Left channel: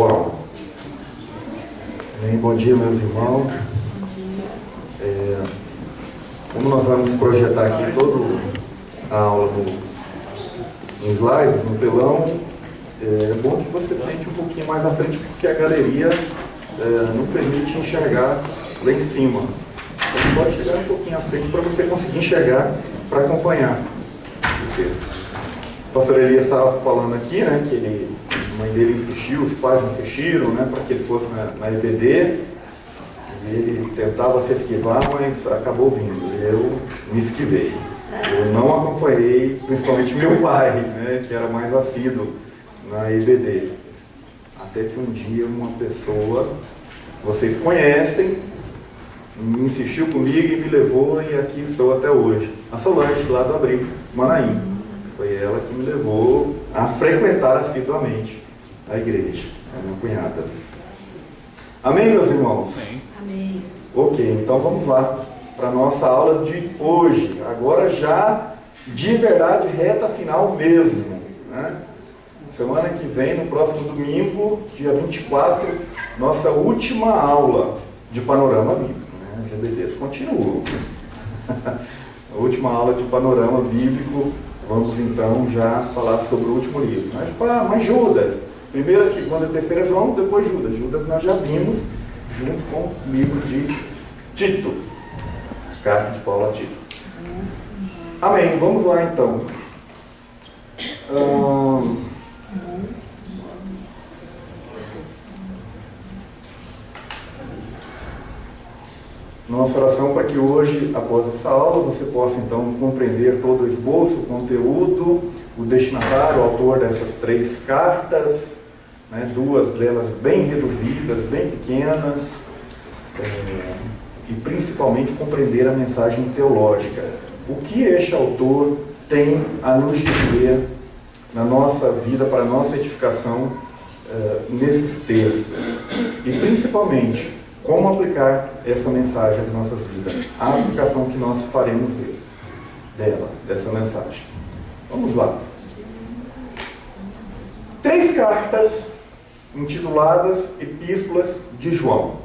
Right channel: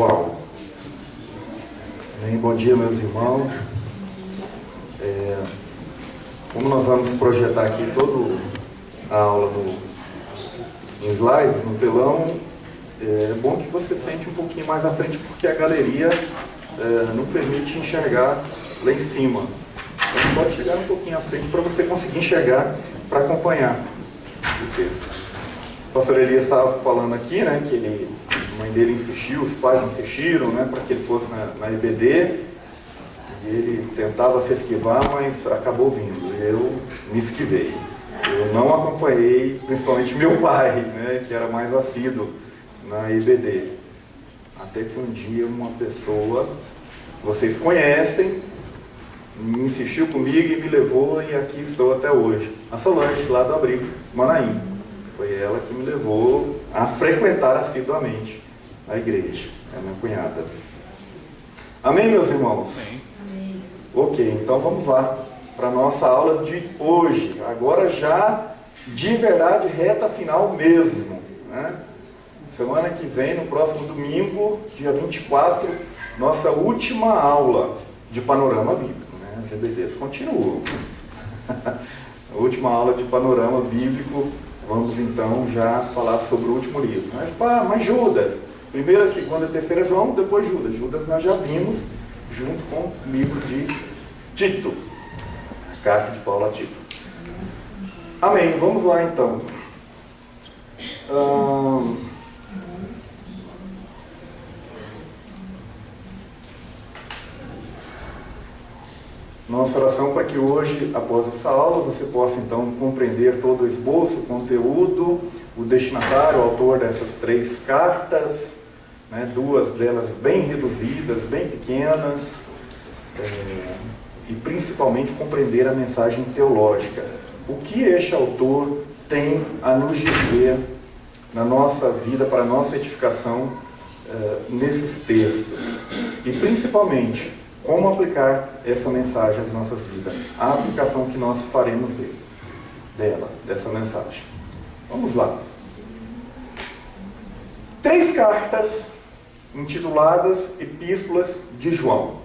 Bom, bom dia, meus irmãos. Como nós vamos projetar aqui toda a aula em slides, no telão, é bom que você sente um pouquinho mais à frente, porque a galeria não permite enxergar lá em cima. Então pode chegar um pouquinho à frente para você conseguir enxergar, para acompanhar o texto. O pastor Elias estava falando aqui, né, que a mãe dele insistiu, os pais insistiram, né, para que ele fosse na EBD, e ele tentava se esquivar, mas acabou vindo. Eu me esquivei. Eu não acompanhei, principalmente meu pai, né, que era mais assíduo na EBD. Até que um dia uma pessoa que vocês conhecem insistiu comigo e me levou, e aqui estou até hoje. A Solange, lá do Abrigo, Manaim. Foi ela que me levou a frequentar assiduamente a igreja. É a minha cunhada. Amém, meus irmãos? Amém. Ok, então vamos lá para a nossa aula de hoje. Agora já de verdade, reta final mesmo, né? Semana que vem, no próximo domingo, dia 24, nossa última aula de panorama bíblico, né? As EBDs continuam. A última aula de panorama bíblico. Vamos então já falar sobre o último livro. Mas Judas, primeira, segunda, terceira João, depois Judas. Judas nós já vimos junto com o livro de Tito, a carta de Paulo a Tito. Amém, vamos lá então. Nossa oração para que hoje, após essa aula, você possa então compreender todo o esboço, o conteúdo, o destinatário, o autor dessas 3 cartas, né, 2 delas bem reduzidas, bem pequenas, e principalmente compreender a mensagem teológica. O que este autor tem a nos dizer na nossa vida, para a nossa edificação, nesses textos, e principalmente como aplicar essa mensagem às nossas vidas, a aplicação que nós faremos dessa mensagem. Vamos lá. 3 cartas intituladas Epístolas de João.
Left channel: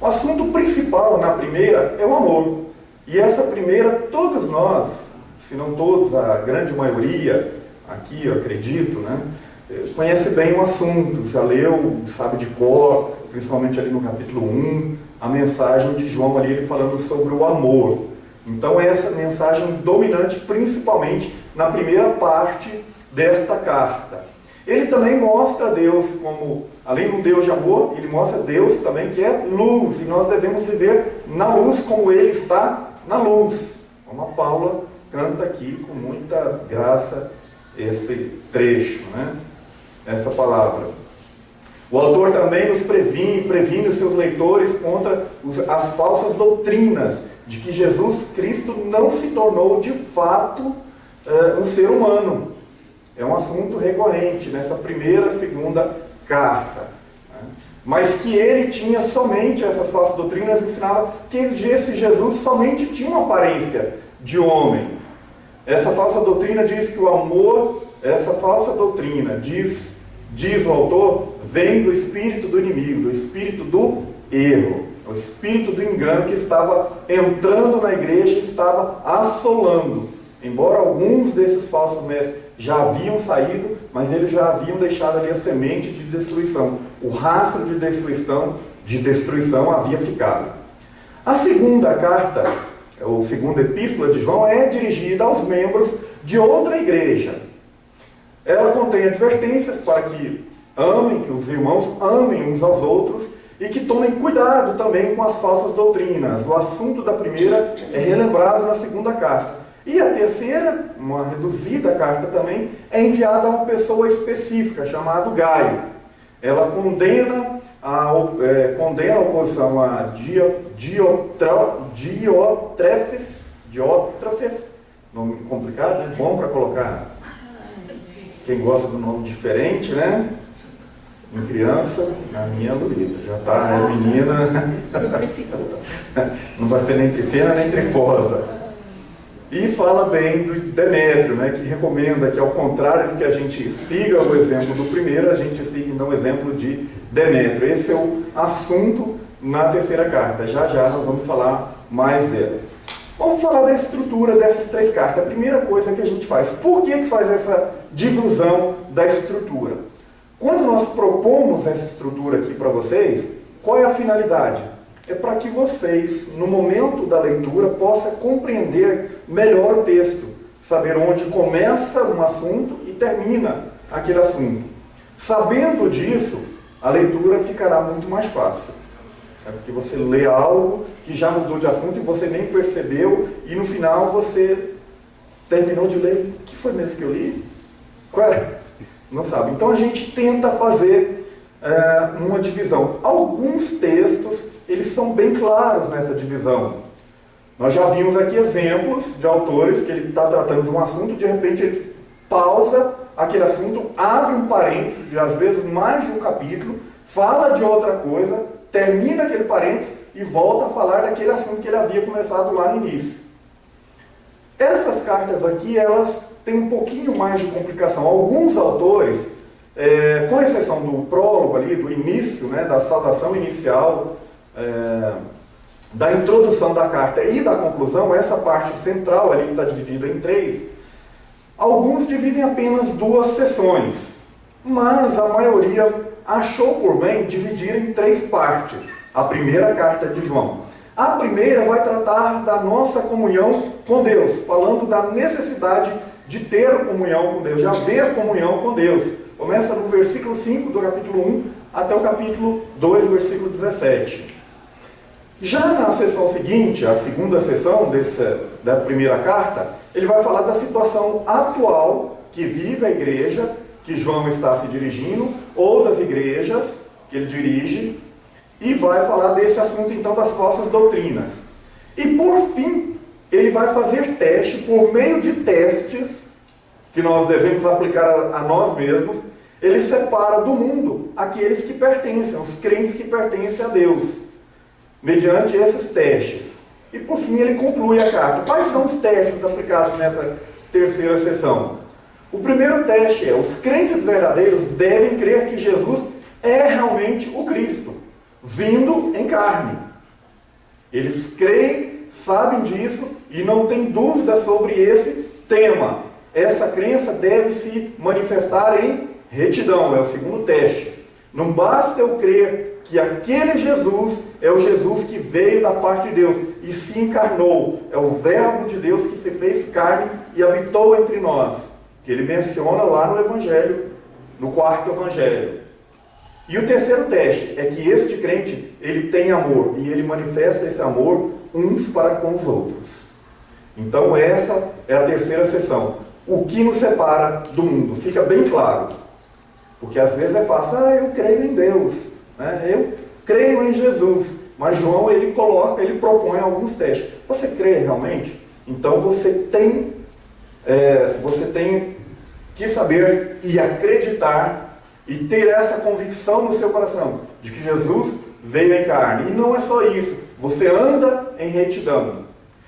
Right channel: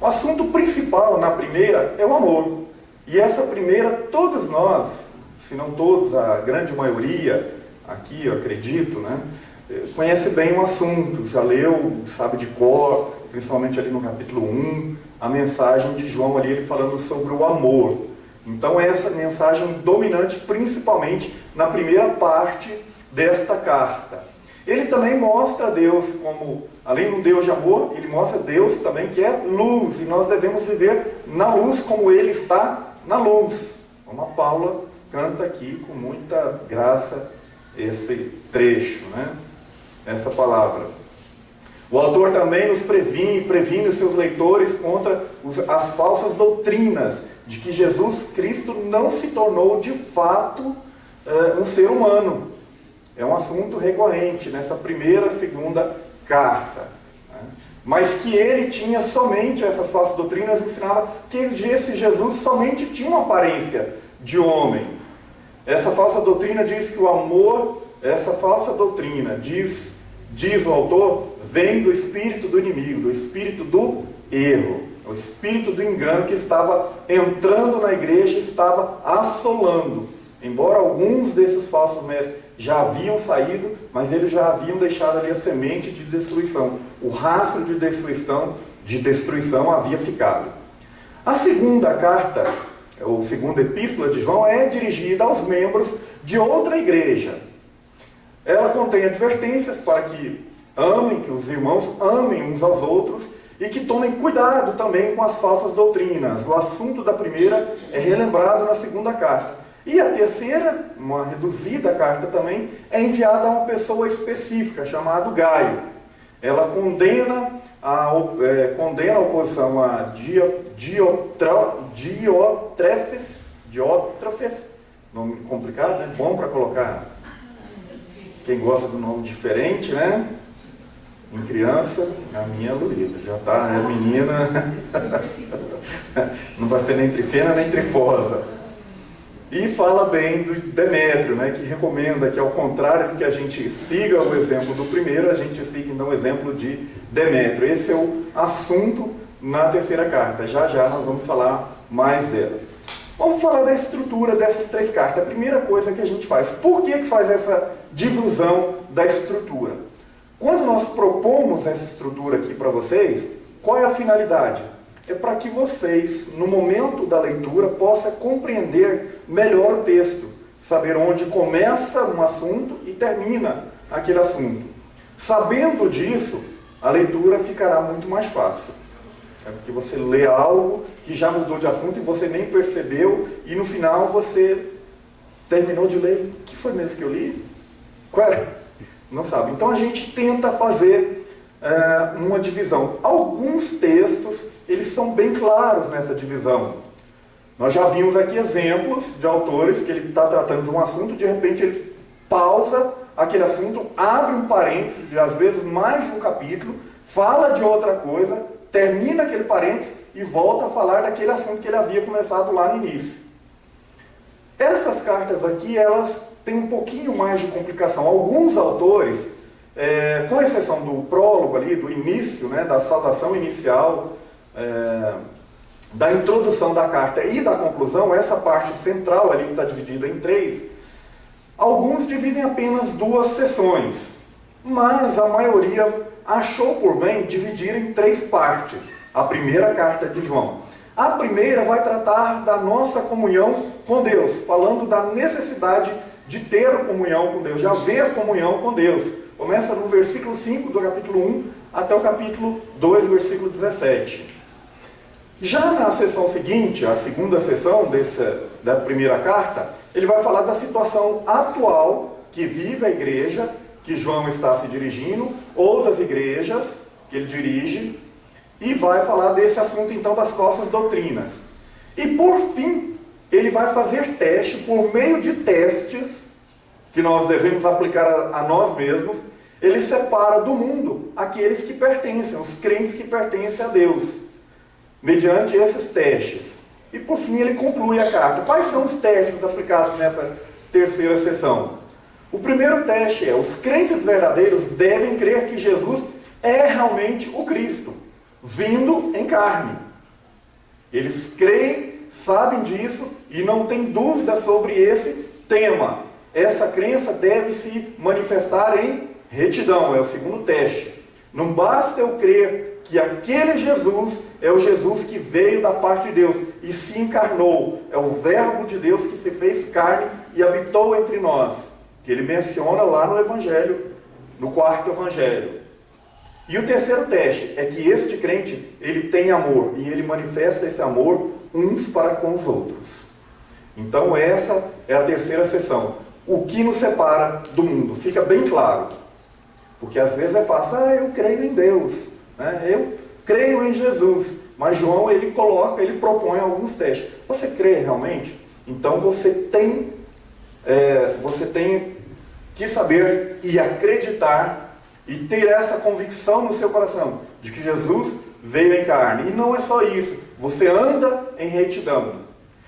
O assunto principal na primeira é o amor. E essa primeira, todos nós, se não todos, a grande maioria, aqui eu acredito, né, conhece bem o assunto, já leu, sabe de cor, principalmente ali no capítulo 1, a mensagem de João ali, ele falando sobre o amor. Então essa mensagem dominante, principalmente na primeira parte desta carta. Ele também mostra Deus como, além de um Deus de amor, ele mostra Deus também que é luz, e nós devemos viver na luz como ele está na luz. Como a Paula canta aqui com muita graça esse trecho, né? Essa palavra. O autor também nos previne os seus leitores contra as falsas doutrinas de que Jesus Cristo não se tornou de fato um ser humano. É um assunto recorrente nessa primeira, segunda carta, né? Mas que ele tinha somente, essas falsas doutrinas ensinavam que esse Jesus somente tinha uma aparência de homem. Essa falsa doutrina diz que o amor, essa falsa doutrina diz o autor, vem do espírito do inimigo, do espírito do erro, o espírito do engano que estava entrando na igreja e estava assolando. Embora alguns desses falsos mestres já haviam saído, mas eles já haviam deixado ali a semente de destruição. O rastro de destruição havia ficado. A segunda carta, ou segunda epístola de João, é dirigida aos membros de outra igreja. Ela contém advertências para que os irmãos amem uns aos outros e que tomem cuidado também com as falsas doutrinas. O assunto da primeira é relembrado na segunda carta. E a terceira, uma reduzida carta também, é enviada a uma pessoa específica, chamada Gaio. Ela condena a oposição a Diótrefes, nome complicado, né? Bom para colocar quem gosta do nome diferente, né? Em criança, a minha Luísa, já está, é menina, não vai ser nem trifena nem trifosa. E fala bem do Demétrio, né, que recomenda que, ao contrário de que a gente siga o exemplo do primeiro, a gente siga então o exemplo de Demétrio. Esse é o assunto na terceira carta. Já já nós vamos falar mais dela. Vamos falar da estrutura dessas três cartas. A primeira coisa que a gente faz, por que faz essa divisão da estrutura? Quando nós propomos essa estrutura aqui para vocês, qual é a finalidade? É para que vocês, no momento da leitura, possam compreender melhor o texto, saber onde começa um assunto e termina aquele assunto. Sabendo disso, a leitura ficará muito mais fácil. É porque você lê algo que já mudou de assunto e você nem percebeu, e no final você terminou de ler. O que foi mesmo que eu li? Qual era? Não sabe. Então a gente tenta fazer uma divisão. Alguns textos, eles são bem claros nessa divisão. Nós já vimos aqui exemplos de autores que ele está tratando de um assunto, de repente ele pausa aquele assunto, abre um parênteses, de, às vezes mais de um capítulo, fala de outra coisa, termina aquele parênteses e volta a falar daquele assunto que ele havia começado lá no início. Essas cartas aqui, elas têm um pouquinho mais de complicação. Alguns autores, com exceção do prólogo ali, do início, né, da saudação inicial, da introdução da carta e da conclusão, essa parte central ali está dividida em três. Alguns dividem apenas duas sessões, mas a maioria achou por bem dividir em três partes a primeira carta de João. A primeira vai tratar da nossa comunhão com Deus, falando da necessidade de ter comunhão com Deus, de haver comunhão com Deus. Começa no versículo 5 do capítulo 1 até o capítulo 2, versículo 17. Já na sessão seguinte, a segunda sessão da primeira carta, ele vai falar da situação atual que vive a igreja, que João está se dirigindo, ou das igrejas que ele dirige, e vai falar desse assunto então das falsas doutrinas. E por fim, ele vai fazer teste, por meio de testes, que nós devemos aplicar a nós mesmos, ele separa do mundo aqueles que pertencem, os crentes que pertencem a Deus, mediante esses testes. E por fim ele conclui a carta. Quais são os testes aplicados nessa terceira sessão? O primeiro teste é: os crentes verdadeiros devem crer que Jesus é realmente o Cristo, vindo em carne. Eles creem, sabem disso e não têm dúvida sobre esse tema. Essa crença deve se manifestar em retidão, é o segundo teste. Não basta eu crer que aquele Jesus é o Jesus que veio da parte de Deus e se encarnou. É o Verbo de Deus que se fez carne e habitou entre nós, que ele menciona lá no Evangelho, no quarto Evangelho. E o terceiro teste é que este crente, ele tem amor, e ele manifesta esse amor uns para com os outros. Então essa é a terceira sessão. O que nos separa do mundo, fica bem claro. Porque às vezes é fácil, eu creio em Deus, né? Eu creio em Jesus. Mas João, ele propõe alguns testes. Você crê realmente? Então você tem que saber e acreditar e ter essa convicção no seu coração de que Jesus veio em carne. E não é só isso, você anda em retidão.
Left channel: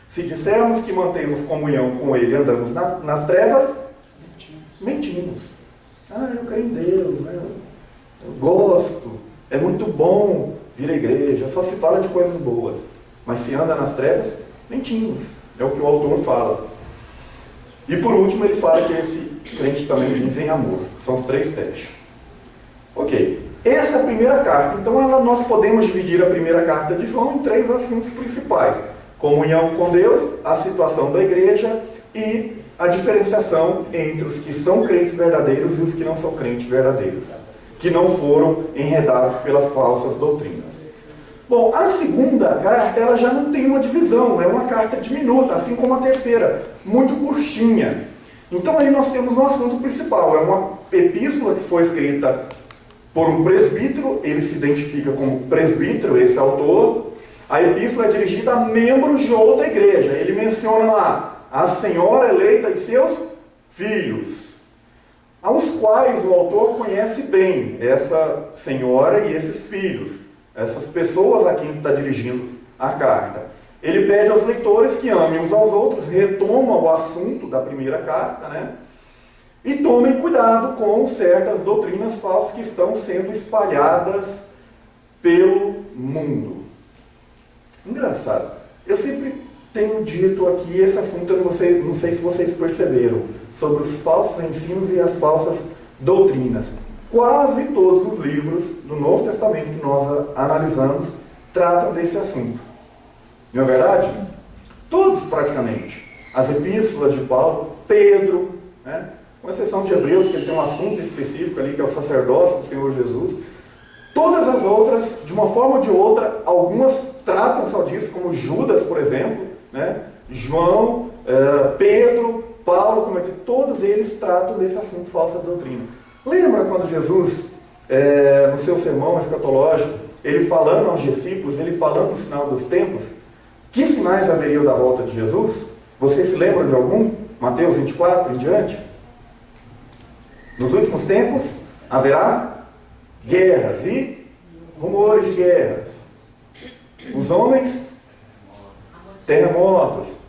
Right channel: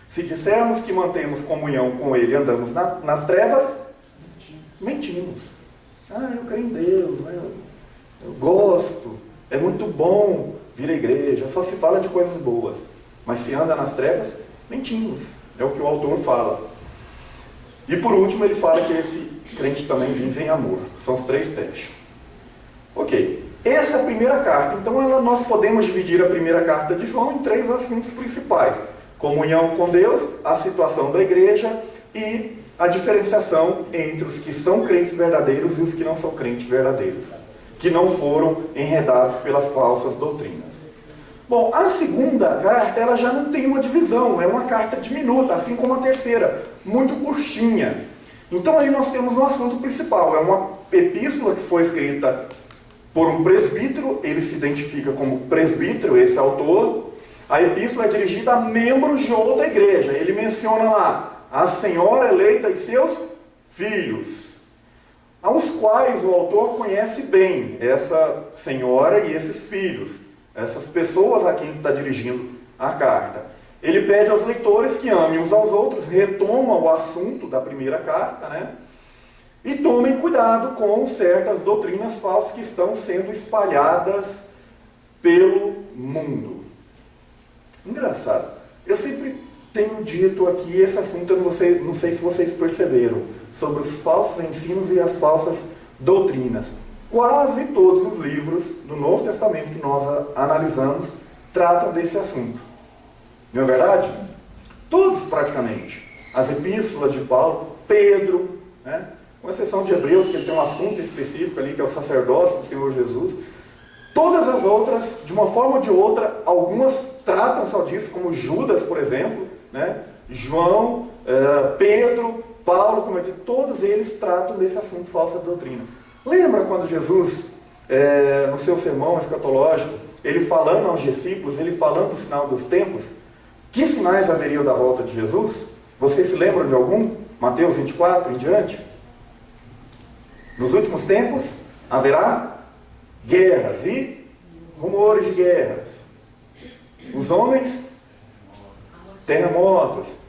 Se dissermos que mantemos comunhão com Ele e andamos nas trevas, mentimos. Eu creio em Deus, né? Eu gosto, é muito bom vir à igreja, só se fala de coisas boas. Mas se anda nas trevas, mentimos. É o que o autor fala. E por último ele fala que esse crente também vive em amor. São os três testes. Ok. Essa é a primeira carta. Então nós podemos dividir a primeira carta de João em três assuntos principais: comunhão com Deus, a situação da igreja e a diferenciação entre os que são crentes verdadeiros e os que não são crentes verdadeiros, que não foram enredados pelas falsas doutrinas. Bom, a segunda carta, ela já não tem uma divisão, é uma carta diminuta, assim como a terceira, muito curtinha. Então aí nós temos um assunto principal, é uma epístola que foi escrita por um presbítero, ele se identifica como presbítero, esse autor. A epístola é dirigida a membros de outra igreja, ele menciona lá a senhora eleita e seus filhos, aos quais o autor conhece bem, essa senhora e esses filhos, essas pessoas a quem está dirigindo a carta. ele pede aos leitores que amem uns aos outros, retoma o assunto da primeira carta, né? E tomem cuidado com certas doutrinas falsas que estão sendo espalhadas pelo mundo. Engraçado, eu sempre tenho dito aqui esse assunto, eu não sei se vocês perceberam, sobre os falsos ensinos e as falsas doutrinas. Quase todos os livros do Novo Testamento que nós analisamos tratam desse assunto. Não é verdade? Todos praticamente. As epístolas de Paulo, Pedro, né? Com exceção de Hebreus, que ele tem um assunto específico ali, que é o sacerdócio do Senhor Jesus. Todas as outras, de uma forma ou de outra, algumas tratam só disso, como Judas, por exemplo, né? João, Pedro, Paulo, como eu disse, todos eles tratam desse assunto, falsa doutrina. Lembra quando Jesus, no seu sermão escatológico, ele falando aos discípulos, ele falando do sinal dos tempos, que sinais haveriam da volta de Jesus? Vocês se lembram de algum? Mateus 24 em diante? Nos últimos tempos haverá guerras e rumores de guerras. Os homens, terremotos,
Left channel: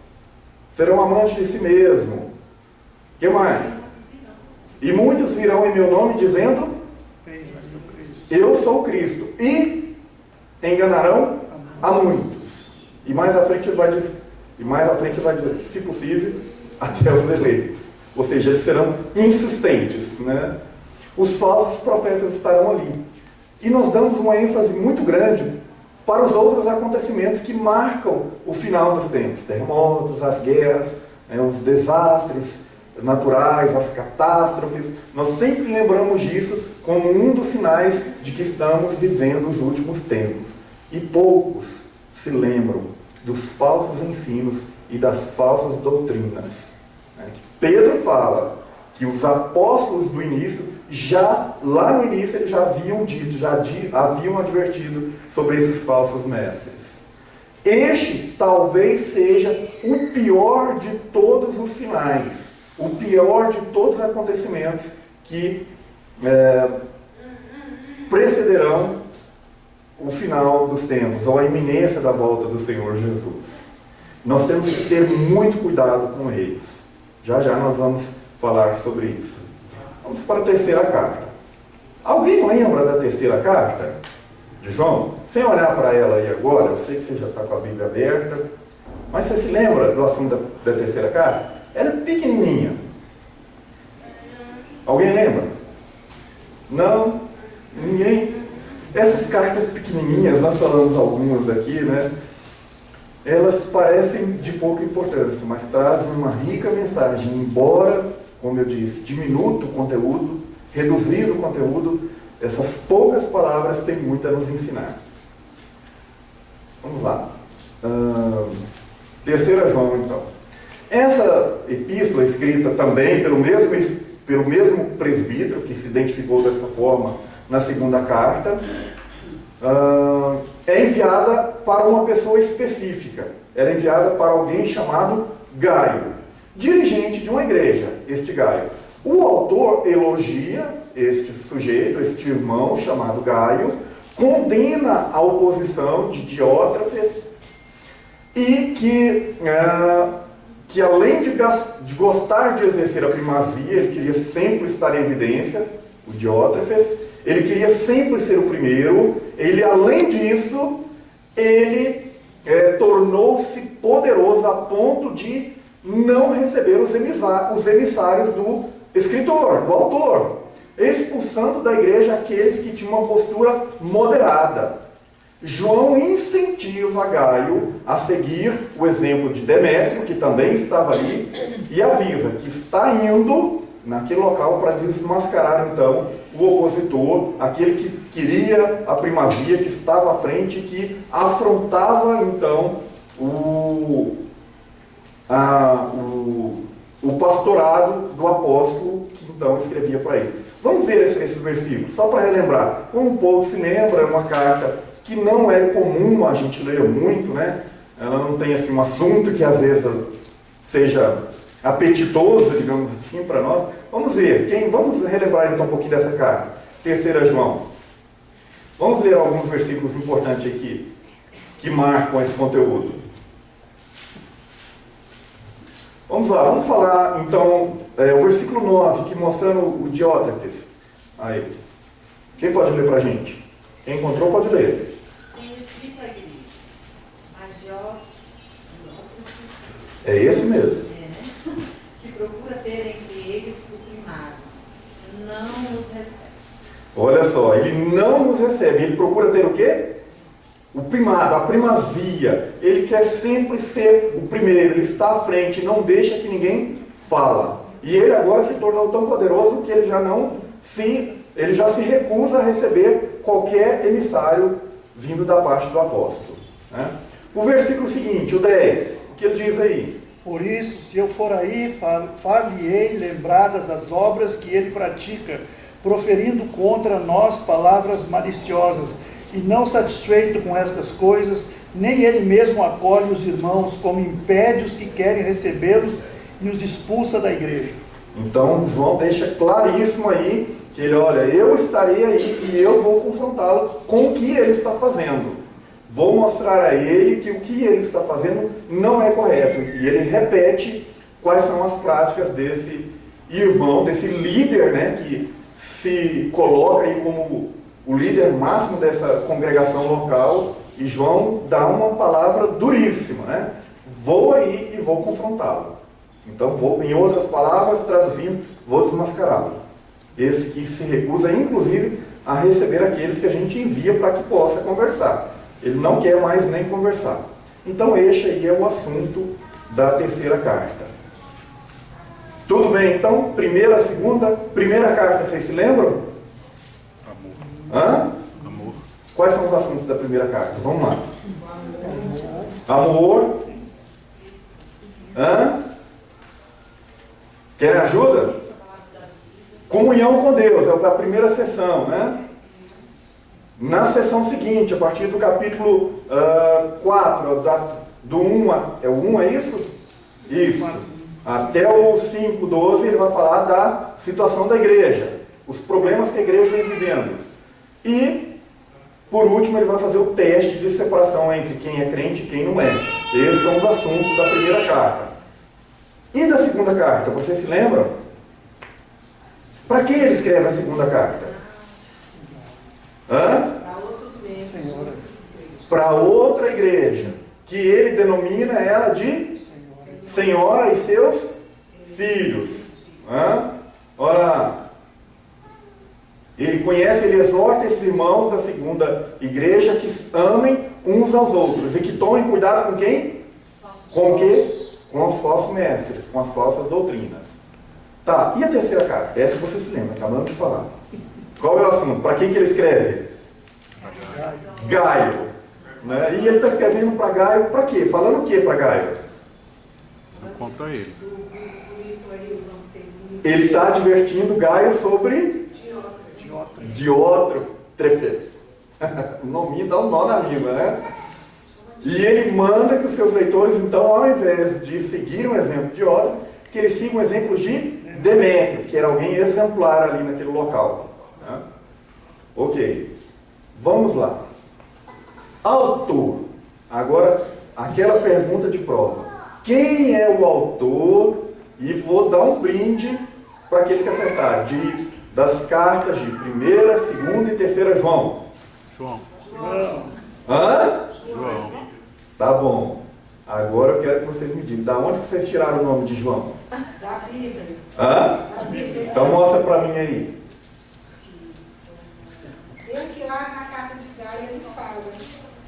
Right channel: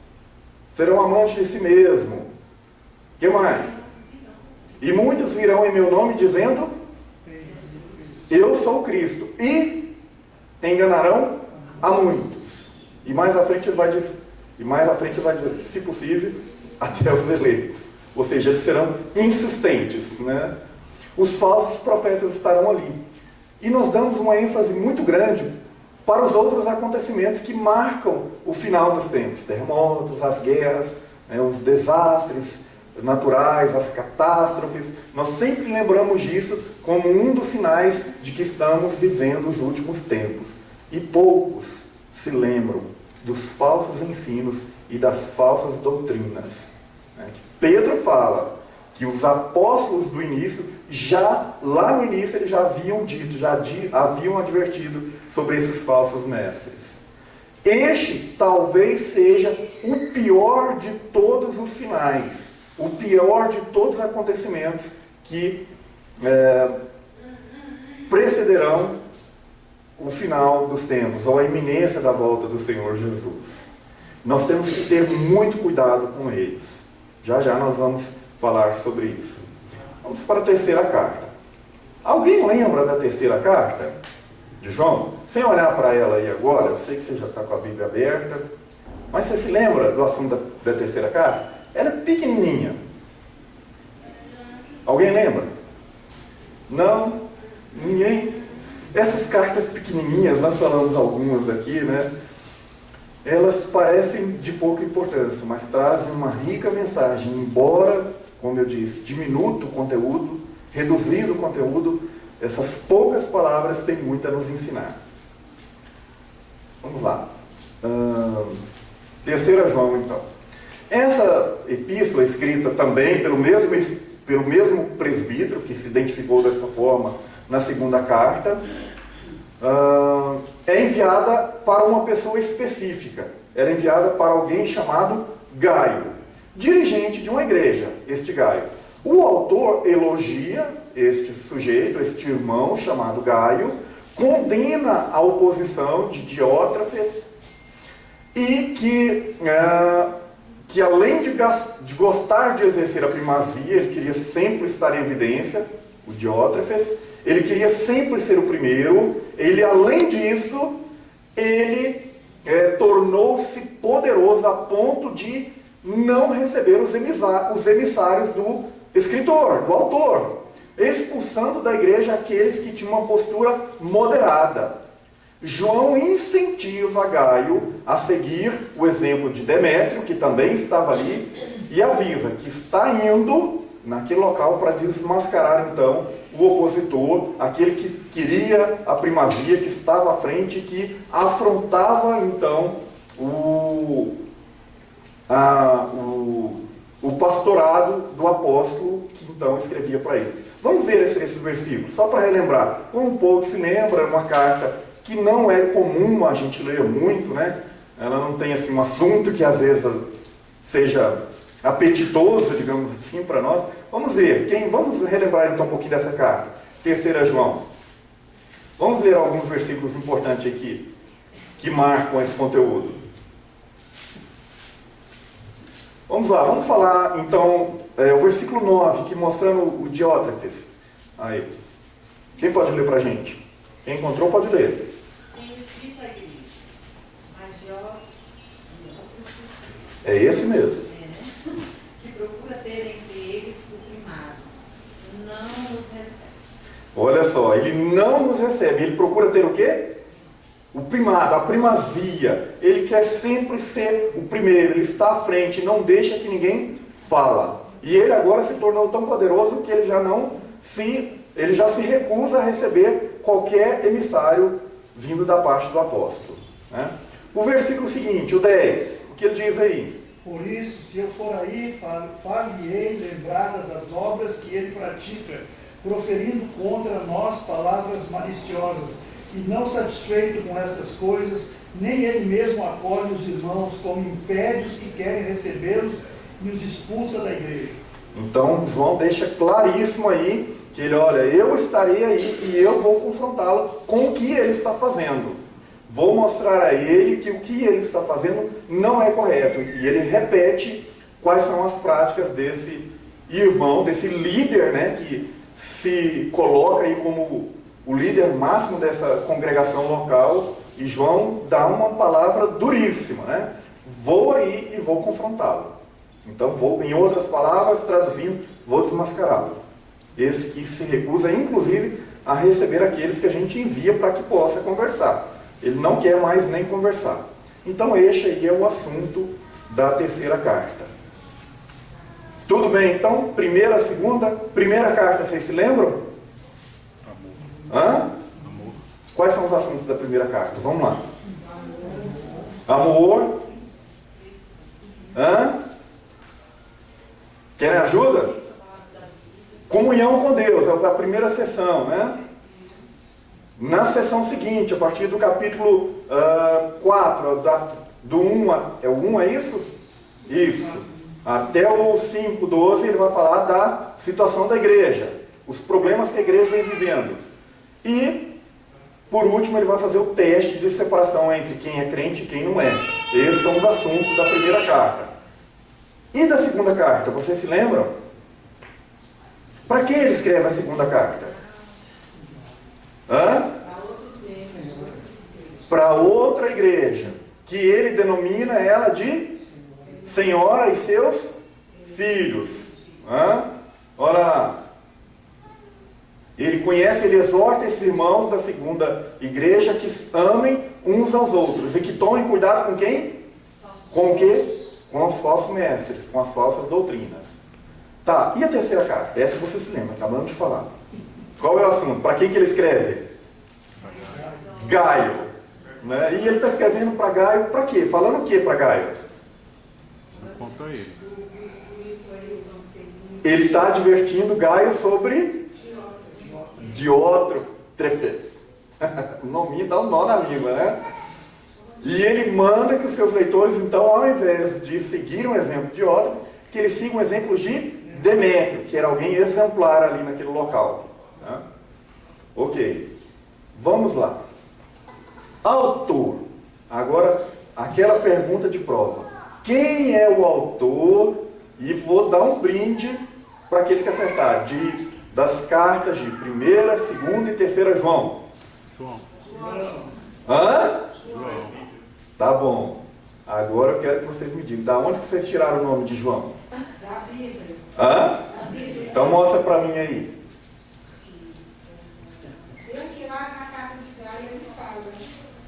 serão amantes de si mesmo. O que mais? E muitos virão em meu nome dizendo: eu sou Cristo. E enganarão a muitos. E mais à frente vai dizer, se possível, até os eleitos. Ou seja, eles serão insistentes, né? Os falsos profetas estarão ali. E nós damos uma ênfase muito grande para os outros acontecimentos que marcam o final dos tempos. Terremotos, as guerras, né, os desastres naturais, as catástrofes. Nós sempre lembramos disso como um dos sinais de que estamos vivendo os últimos tempos. E poucos se lembram dos falsos ensinos e das falsas doutrinas. Pedro fala que os apóstolos do início, lá no início, eles já haviam dito, já haviam advertido sobre esses falsos mestres. Este talvez seja o pior de todos os sinais, o pior de todos os acontecimentos que precederão o final dos tempos, ou a iminência da volta do Senhor Jesus. Nós temos que ter muito cuidado com eles. Já já nós vamos falar sobre isso. Vamos para a terceira carta. Alguém lembra da terceira carta de João? Sem olhar para ela aí agora, eu sei que você já está com a Bíblia aberta, mas você se lembra do assunto da terceira carta? Ela é pequenininha. Alguém lembra? Não? Ninguém? Essas cartas pequenininhas, nós falamos algumas aqui, né? Elas parecem de pouca importância, mas trazem uma rica mensagem, embora, como eu disse, diminuto o conteúdo, reduzido o conteúdo, essas poucas palavras têm muito a nos ensinar. Vamos lá. Terceira João, então. Essa epístola, escrita também pelo mesmo presbítero, que se identificou dessa forma na segunda carta, é enviada para uma pessoa específica. Ela é enviada para alguém chamado Gaio, dirigente de uma igreja, este Gaio. O autor elogia este sujeito, este irmão chamado Gaio, condena a oposição de Diótrefes e que além de gostar de exercer a primazia, ele queria sempre estar em evidência, o Diótrefes, ele queria sempre ser o primeiro. Ele, além disso, ele tornou-se poderoso a ponto de não receber os emissários do escritor, do autor, expulsando da igreja aqueles que tinham uma postura moderada. João incentiva Gaio a seguir o exemplo de Demétrio, que também estava ali, e avisa que está indo naquele local para desmascarar então o opositor, aquele que queria a primazia, que estava à frente, que afrontava então o pastorado do apóstolo que então escrevia para ele. Vamos ver esses versículos, só para relembrar. Como um pouco se lembra, é uma carta que não é comum a gente ler muito, né? Ela não tem assim, um assunto que às vezes seja apetitoso, digamos assim, para nós. Vamos ver, vamos relembrar então um pouquinho dessa carta. Terceira João. Vamos ler alguns versículos importantes aqui, que marcam esse conteúdo. Vamos lá, vamos falar então o versículo 9, que mostrando o Diótrefes. Aí. Quem pode ler para a gente? Quem encontrou pode ler. Tenho escrito à igreja, mas Diótrefes, É esse mesmo. que procura ter entre eles o primado, não nos recebe. Olha só, ele não nos recebe. Ele procura ter o quê? O primado, a primazia. Ele quer sempre ser o primeiro. Ele está à frente, não deixa que ninguém fala. E ele agora se tornou tão poderoso que ele já se recusa a receber qualquer emissário vindo da parte do apóstolo. Né? O versículo seguinte, o 10, o que ele diz aí? Por isso, se eu for aí, far-lhe-ei lembradas as obras que ele pratica, proferindo contra nós palavras maliciosas, e não satisfeito com estas coisas, nem ele mesmo acolhe os irmãos, como impede os que querem recebê-los e os expulsa da igreja. Então, João deixa claríssimo aí, que ele, olha, eu estarei aí e eu vou confrontá-lo com o que ele está fazendo. Vou mostrar a ele que o que ele está fazendo não é correto. E ele repete quais são as práticas desse irmão, desse líder, né, que se coloca aí como o líder máximo dessa congregação local. E João dá uma palavra duríssima, né? Vou aí e vou confrontá-lo. Então, em outras palavras, traduzindo, vou desmascará-lo. Esse que se recusa, inclusive, a receber aqueles que a gente envia para que possa conversar. Ele não quer mais nem conversar. Então, este aí é o assunto da terceira carta. Tudo bem, então, primeira, segunda, primeira carta, vocês se lembram? Hã? Amor. Quais são os assuntos da primeira carta? Vamos lá. Amor. Hã? Querem ajuda? Comunhão com Deus, é a primeira sessão, né? Na sessão seguinte, a partir do capítulo 4, do 1, é o 1, é isso? Isso. Até o 5:12, ele vai falar da situação da igreja, os problemas que a igreja vem vivendo. E, por último, ele vai fazer o teste de separação entre quem é crente e quem não é. Esses são os assuntos da primeira carta. E da segunda carta, vocês se lembram? Para que ele escreve a segunda carta? Hã? Para outros membros. Para outra igreja, que ele denomina ela de Senhora e seus filhos. Hã? Olha lá. Ele conhece, ele exorta esses irmãos da segunda igreja que amem uns aos outros e que tomem cuidado com quem? Com o quê? Com os falsos mestres, com as falsas doutrinas. Tá, e a terceira carta? Essa você se lembra, acabamos de falar. Qual é o assunto? Para quem que ele escreve? Gaio. Né? E ele está escrevendo para Gaio para quê? Falando o quê para Gaio? Contra ele. Ele está advertindo Gaio sobre Diótrefes. O nome dá um nó na língua, né? E ele manda que os seus leitores, então, ao invés de seguir um exemplo de Diótrefes, que eles sigam um exemplo de Demétrio, que era alguém exemplar ali naquele local. Né? Ok. Vamos lá. Autor. Agora, aquela pergunta de prova. Quem é o autor? E vou dar um brinde para aquele que acertar. Das cartas de 1ª, 2ª e 3ª João. João. Hã? João. Tá bom. Agora eu quero que vocês me digam. Da onde vocês tiraram o nome de João? Da Bíblia. Hã? Então mostra para mim aí. Vem que lá na carta de Gaio ele fala.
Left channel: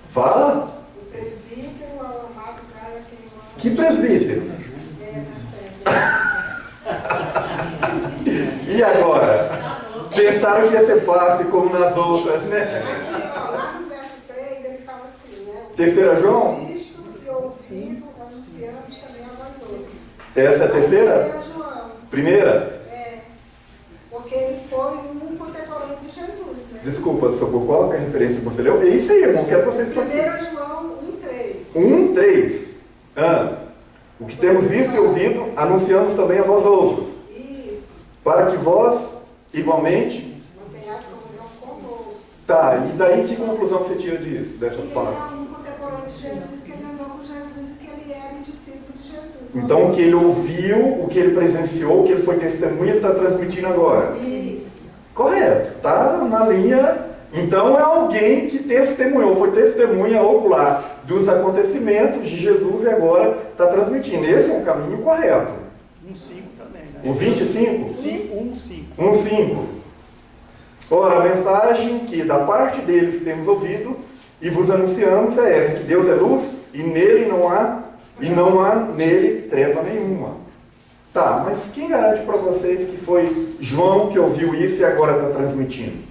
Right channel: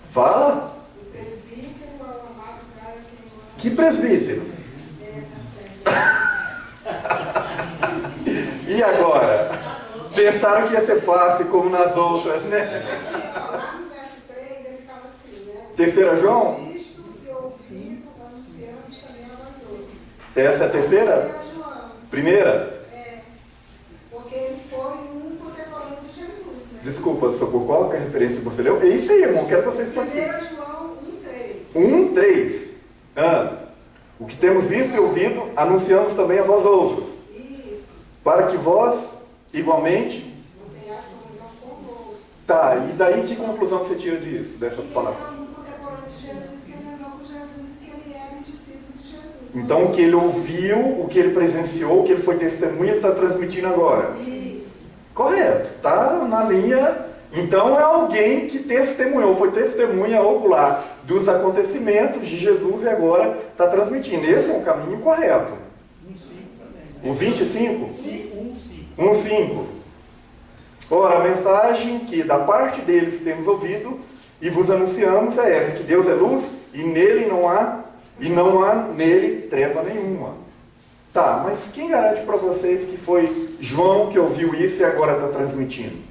Fala? O presbítero, o amado Gaio, que ele manda. Que presbítero? Tá certo. E agora? Pensaram que ia ser fácil como nas outras, né? Lá no verso 3 ele fala assim, né? 3ª João? Visto e ouvido, anunciamos também a nós outros. Essa é a terceira? João. Primeira? É. Porque ele foi um contemporâneo de Jesus, né? Desculpa, Socorro, qual que é a referência que você leu? É isso aí, irmão, quero que vocês participem. 1 João 1:3. 1:3. O que temos visto e ouvido, anunciamos também a vós outros. Isso. Para que vós, igualmente... Não tenhais comunhão convosco. Tá, e daí que conclusão que você tira disso, dessas Ele palavras? era um contemporâneo de Jesus, que ele andou com Jesus, que ele era um discípulo de Jesus. Então, o que ele ouviu, o que ele presenciou, o que ele foi testemunha, ele está transmitindo agora. Isso. Correto, está na linha. Então, é alguém que testemunhou, foi testemunha ocular dos acontecimentos de Jesus e agora está transmitindo. Esse é o caminho correto. 1:5 também, né? O 25? 1:5. 1:5. Ora, a mensagem que da parte deles temos ouvido e vos anunciamos é essa, que Deus é luz e nele não há nele treva nenhuma. Tá, mas quem garante para vocês que foi João que ouviu isso e agora está transmitindo?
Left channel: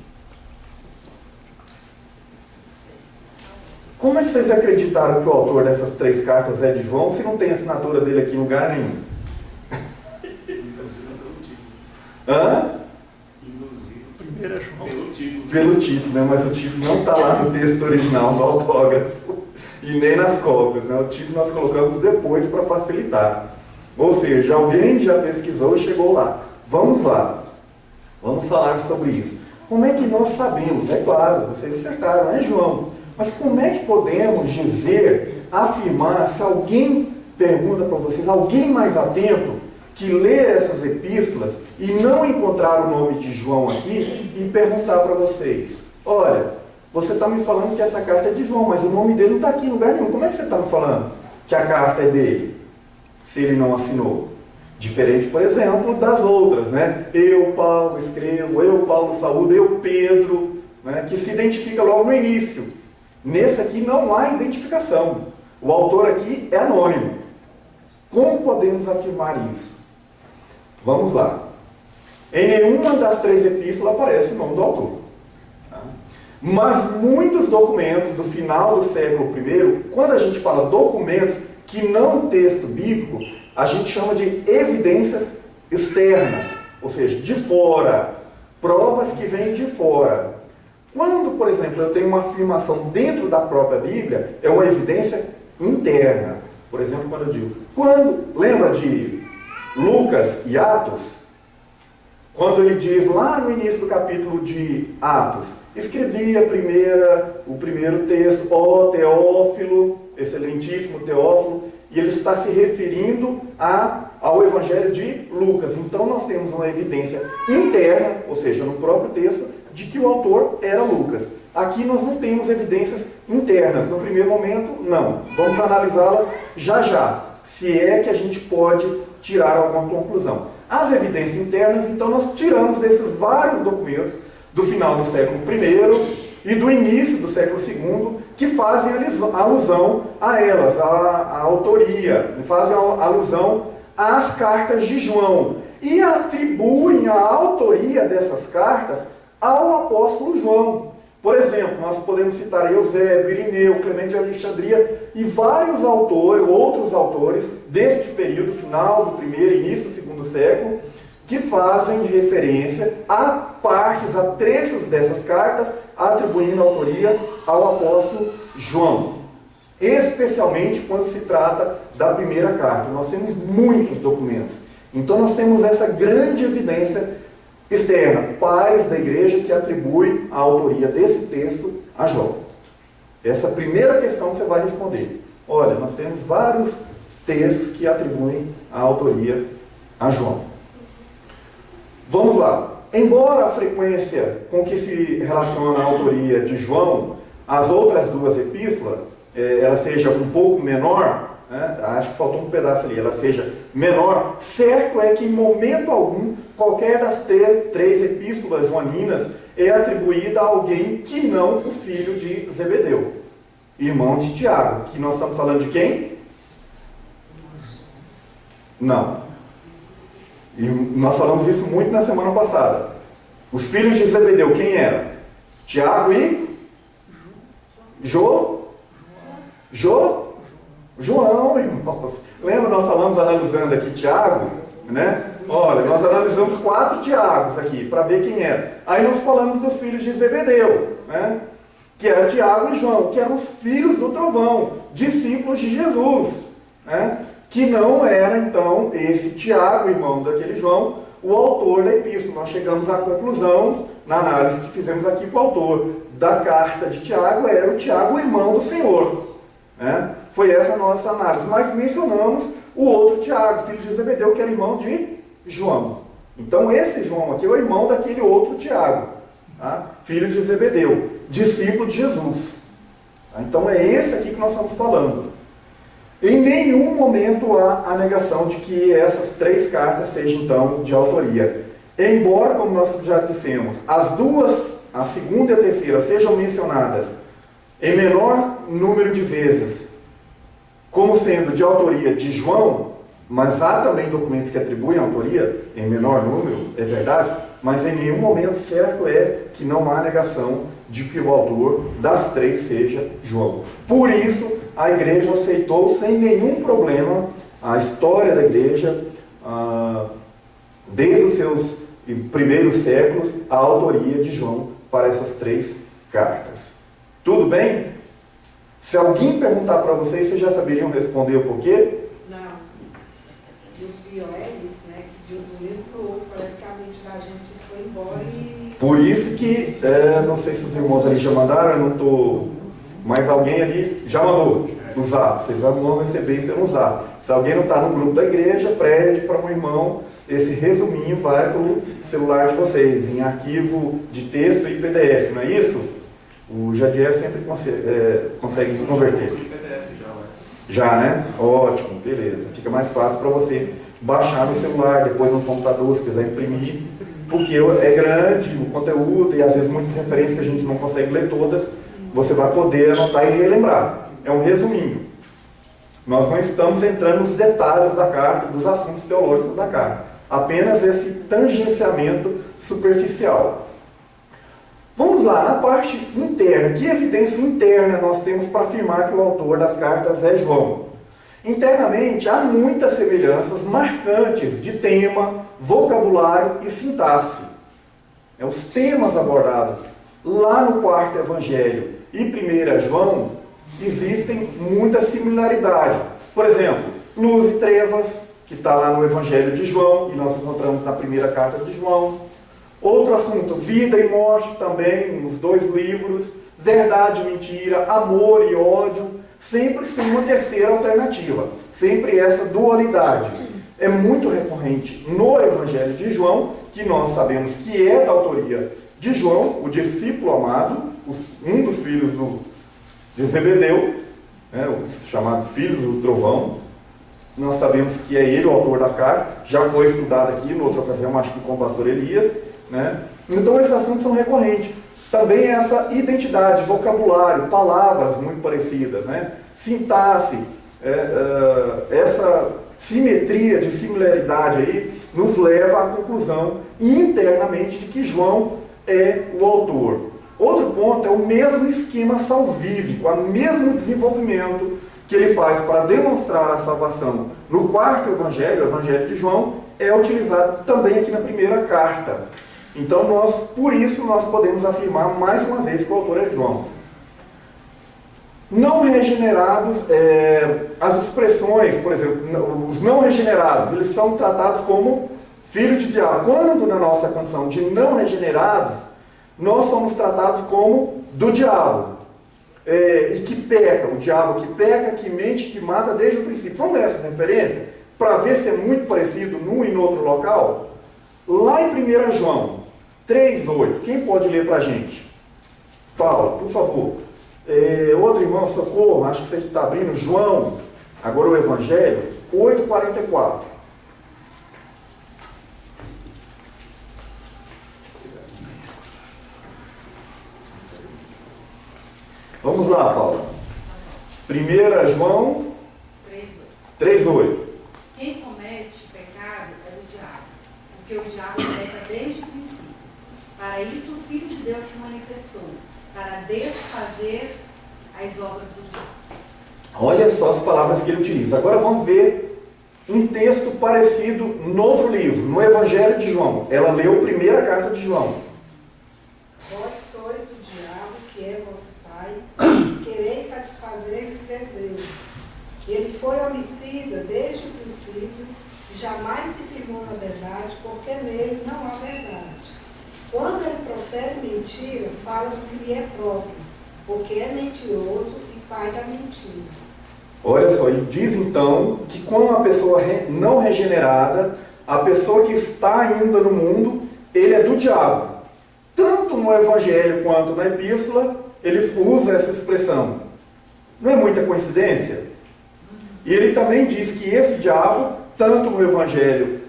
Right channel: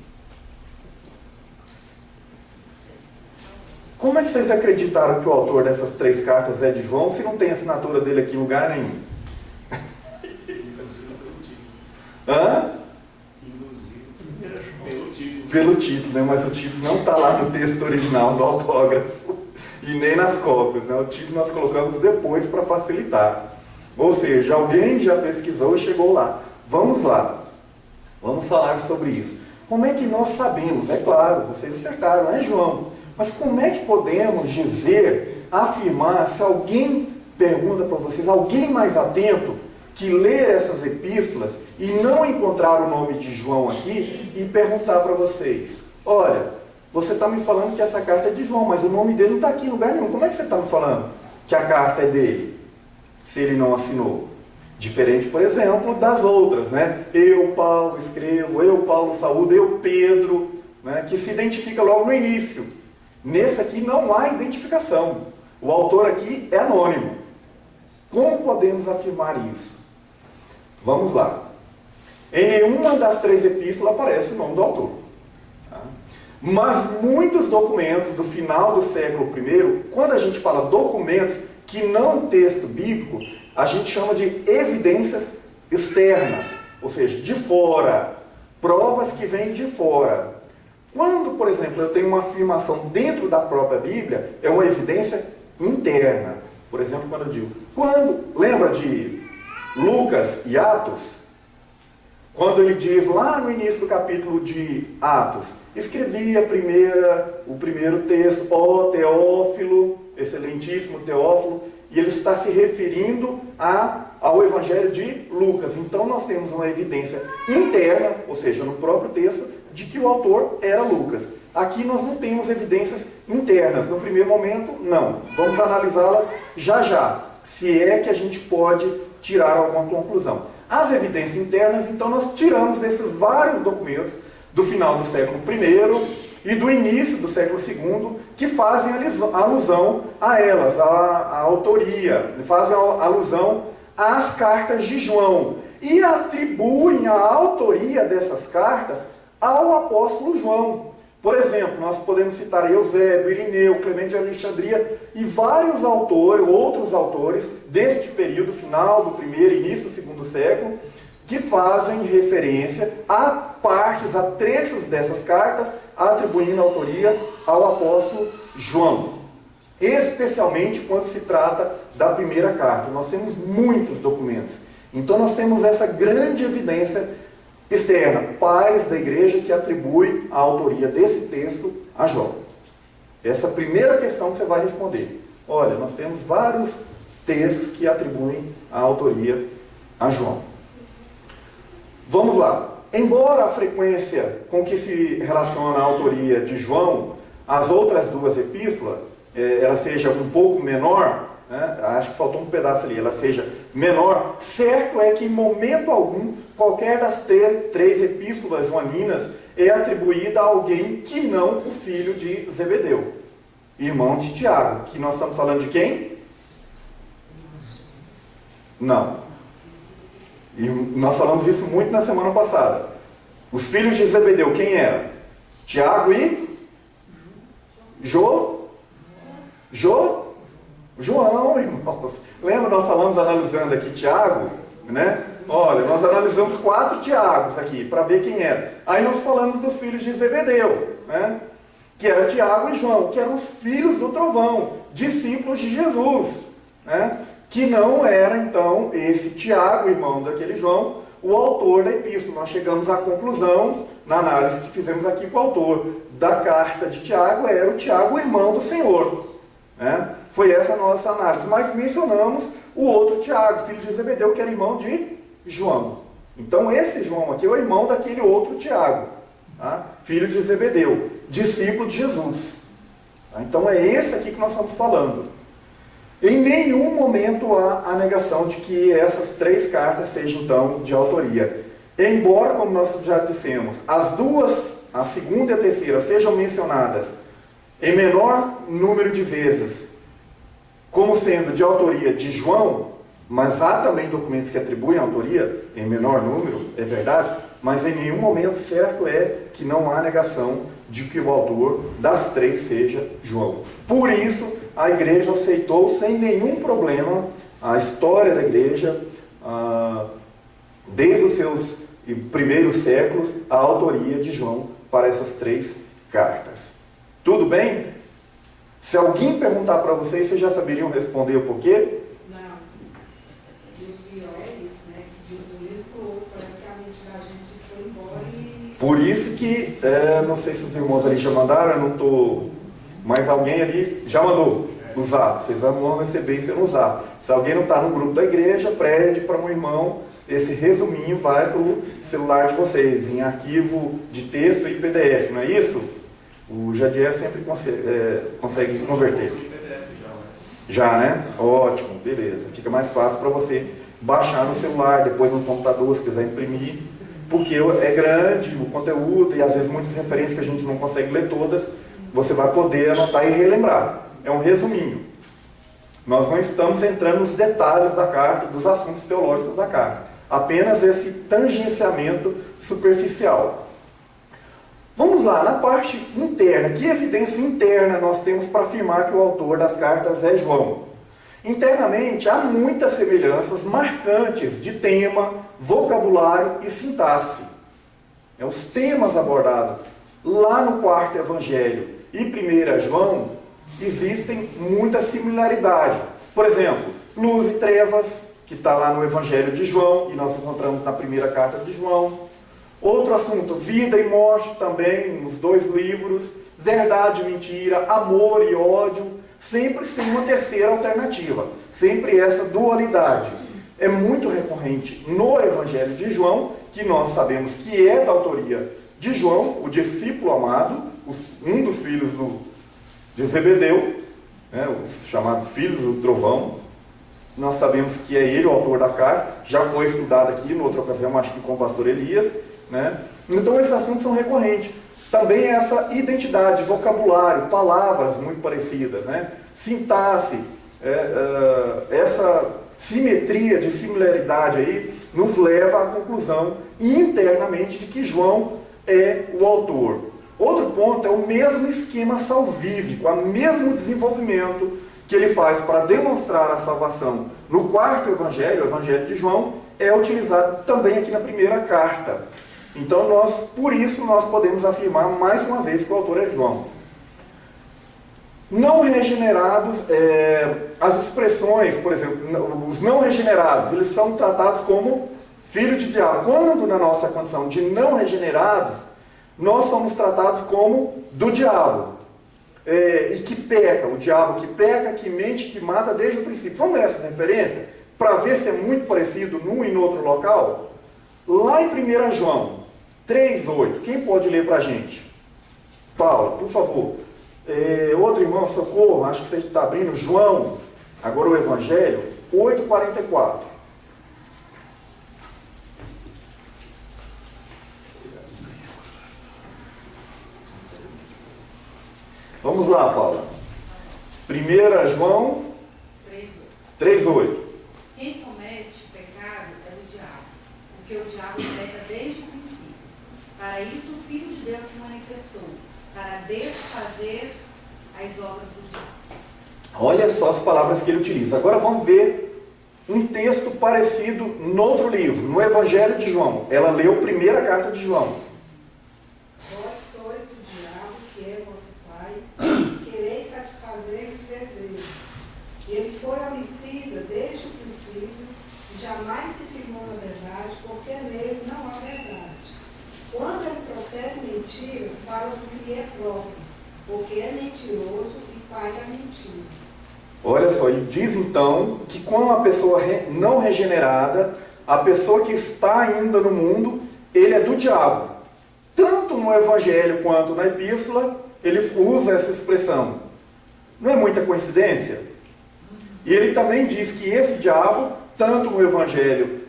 Como é que vocês acreditaram que o autor dessas 3 cartas é de João se não tem assinatura dele aqui em lugar nenhum? Hã? Primeiro é João. Pelo título, né? Mas o título não está lá no texto original, no autógrafo, e nem nas cópias, né? O título nós colocamos depois para facilitar. Ou seja, alguém já pesquisou e chegou lá. Vamos lá. Vamos falar sobre isso. Como é que nós sabemos? É claro, vocês acertaram, é João. Mas como é que podemos dizer, afirmar, se alguém pergunta para vocês, alguém mais atento, que lê essas epístolas e não encontrar o nome de João aqui e perguntar para vocês, olha, você está me falando que essa carta é de João, mas o nome dele não está aqui em lugar nenhum. Como é que você está me falando que a carta é dele, se ele não assinou? Diferente, por exemplo, das outras, né? Eu, Paulo, escrevo, eu, Paulo, saúdo, eu, Pedro, né? Que se identifica logo no início. Nesse aqui não há identificação. O autor aqui é anônimo. Como podemos afirmar isso? Vamos lá. Em nenhuma das 3 epístolas aparece o nome do autor. Tá? Mas muitos documentos do final do século I, quando a gente fala documentos que não é um texto bíblico, a gente chama de evidências externas, ou seja, de fora, provas que vêm de fora. Quando, por exemplo, eu tenho uma afirmação dentro da própria Bíblia, é uma evidência interna. Por exemplo, quando eu digo, lembra de Lucas e Atos? Quando ele diz lá no início do capítulo de Atos, escrevia o primeiro texto, ó Teófilo, excelentíssimo Teófilo, e ele está se referindo ao Evangelho de Lucas. Então nós temos uma evidência interna, ou seja, no próprio texto, de que o autor era Lucas. Aqui nós não temos evidências internas. No primeiro momento, não. Vamos analisá-la já já, se é que a gente pode tirar alguma conclusão. As evidências internas, então, nós tiramos desses vários documentos do final do século I e do início do século II, que fazem alusão a elas, a autoria, fazem alusão às cartas de João, e atribuem a autoria dessas cartas ao apóstolo João. Por exemplo, nós podemos citar Eusébio, Irineu, Clemente de Alexandria e vários autores, outros autores deste período final do primeiro e início do segundo século, que fazem referência a partes, a trechos dessas cartas, atribuindo a autoria ao apóstolo João. Especialmente quando se trata da primeira carta. Nós temos muitos documentos. Então nós temos essa grande evidência externa, pais da igreja que atribui a autoria desse texto a João. Essa primeira questão que você vai responder. Olha, nós temos vários textos que atribuem a autoria a João. Vamos lá. Embora a frequência com que se relaciona a autoria de João às outras 2 epístolas, ela seja um pouco menor, né? Acho que faltou um pedaço ali, ela seja menor, certo é que em momento algum, qualquer das 3 epístolas joaninas é atribuída a alguém que não o filho de Zebedeu, irmão de Tiago, que nós estamos falando de quem? Não. E nós falamos isso muito na semana passada. Os filhos de Zebedeu, quem eram? Tiago e? João, irmãos. Lembra, nós falamos analisando aqui Tiago, né? Olha, nós analisamos 4 Tiagos aqui, para ver quem era. Aí nós falamos dos filhos de Zebedeu, né? Que era Tiago e João, que eram os filhos do trovão, discípulos de Jesus, né? Que não era, então, esse Tiago, irmão daquele João, o autor da epístola. Nós chegamos à conclusão, na análise que fizemos aqui, que o autor da carta de Tiago era o Tiago, irmão do Senhor, né? Foi essa a nossa análise. Mas mencionamos o outro Tiago, filho de Zebedeu, que era irmão de João. Então esse João aqui é o irmão daquele outro Tiago, tá? Filho de Zebedeu, discípulo de Jesus. Tá? Então é esse aqui que nós estamos falando. Em nenhum momento há a negação de que essas 3 cartas sejam então de autoria. Embora, como nós já dissemos, as duas, a segunda e a terceira, sejam mencionadas em menor número de vezes como sendo de autoria de João, mas há também documentos que atribuem autoria em menor número, é verdade, mas em nenhum momento certo é que não há negação de que o autor das 3 seja João. Por isso, a igreja aceitou sem nenhum problema a história da igreja, desde os seus primeiros séculos, a autoria de João para essas 3 cartas. Tudo bem? Se alguém perguntar para vocês já saberiam responder o porquê? Não. E os BOLs, né, que de um livro para o outro, parece que a mente da gente foi embora e... Por isso que, não sei se os irmãos ali já mandaram, eu não estou... Mas alguém ali já mandou usar. Vocês vão receber isso no usar. Se alguém não está no grupo da igreja, pede para um irmão, esse resuminho vai para o celular de vocês, em arquivo de texto e PDF, não é isso? O Jadiel sempre consegue converter. Já, né? Ótimo, beleza. Fica mais fácil para você baixar no celular, depois no computador, se quiser imprimir, porque é grande o conteúdo e às vezes muitas referências que a gente não consegue ler todas, você vai poder anotar e relembrar. É um resuminho. Nós não estamos entrando nos detalhes da carta, dos assuntos teológicos da carta. Apenas esse tangenciamento superficial. Vamos lá, na parte interna. Que evidência interna nós temos para afirmar que o autor das cartas é João? Internamente, há muitas semelhanças marcantes de tema, vocabulário e sintaxe. Os temas abordados lá no 4º Evangelho e 1 João existem muita similaridade. Por exemplo, luz e trevas, que está lá no Evangelho de João, e nós encontramos na primeira carta de João. Outro assunto, vida e morte também, nos 2 livros. Verdade e mentira, amor e ódio, sempre sem uma terceira alternativa. Sempre essa dualidade. É muito recorrente no Evangelho de João, que nós sabemos que é da autoria de João, o discípulo amado, um dos filhos de Zebedeu, né, os chamados filhos do trovão. Nós sabemos que é ele o autor da carta, já foi estudado aqui, em outra ocasião, acho que com o pastor Elias, né? Então esses assuntos são recorrentes. Também essa identidade, vocabulário, palavras muito parecidas, né? Sintaxe, essa simetria de similaridade aí nos leva à conclusão internamente de que João é o autor. Outro ponto é o mesmo esquema salvífico, o mesmo desenvolvimento que ele faz para demonstrar a salvação no 4º Evangelho, o Evangelho de João, é utilizado também aqui na primeira carta. Então, por isso, nós podemos afirmar mais uma vez que o autor é João. Não regenerados, as expressões, por exemplo, os não regenerados, eles são tratados como filho de diabo. Quando na nossa condição de não regenerados, nós somos tratados como do diabo. E que peca, o diabo que peca, que mente, que mata desde o princípio. Vamos ler essa referência para ver se é muito parecido num e no outro local? Lá em 1 João 3,8, quem pode ler para a gente? Paulo, por favor. Outro irmão, socorro, acho que você está abrindo, João, agora o Evangelho, 8,44. Vamos lá, Paula. 1 João 3,8. Quem comete pecado é do diabo, porque o diabo peca desde o princípio. Para isso o Filho de Deus se manifestou, para desfazer as obras do diabo. Olha só as palavras que ele utiliza. Agora vamos ver um texto parecido no outro livro, no Evangelho de João. Ela leu a primeira carta de João. Vós sois do diabo, que é vosso pai, quereis satisfazer os desejos. Ele foi homicida desde o princípio, e jamais se firmou na verdade, porque nele não há verdade. Quando ele profere mentira, fala do que lhe é próprio, porque é mentiroso e pai da mentira. Olha só, ele diz então que com uma pessoa não regenerada, a pessoa que está ainda no mundo, ele é do diabo. Tanto no Evangelho quanto na Epístola, ele usa essa expressão. Não é muita coincidência? E ele também diz que esse diabo, tanto no Evangelho,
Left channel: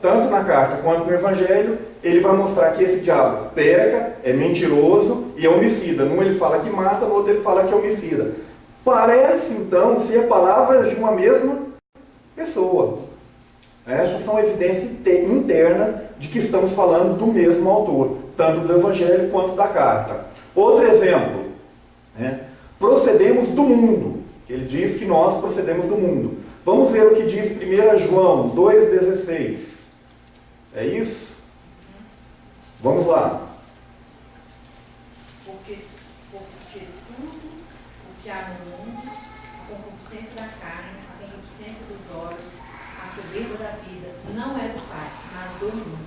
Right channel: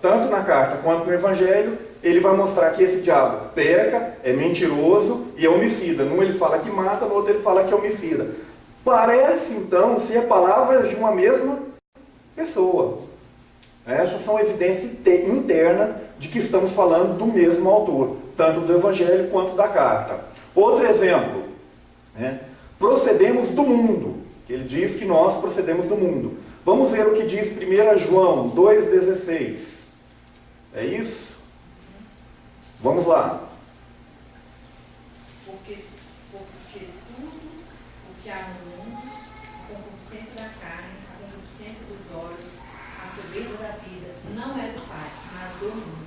tanto na carta quanto no Evangelho, ele vai mostrar que esse diabo peca, é mentiroso e é homicida. Num ele fala que mata, no outro ele fala que é homicida. Parece então ser palavras de uma mesma pessoa. Essas são evidências internas de que estamos falando do mesmo autor, tanto do Evangelho quanto da carta. Outro exemplo, procedemos do mundo. Ele diz que nós procedemos do mundo. Vamos ver o que diz 1 João 2,16. É isso? Vamos lá. Porque tudo o que há no mundo, a concupiscência da carne, a concupiscência dos olhos, a soberba da vida, não é do Pai, mas do mundo.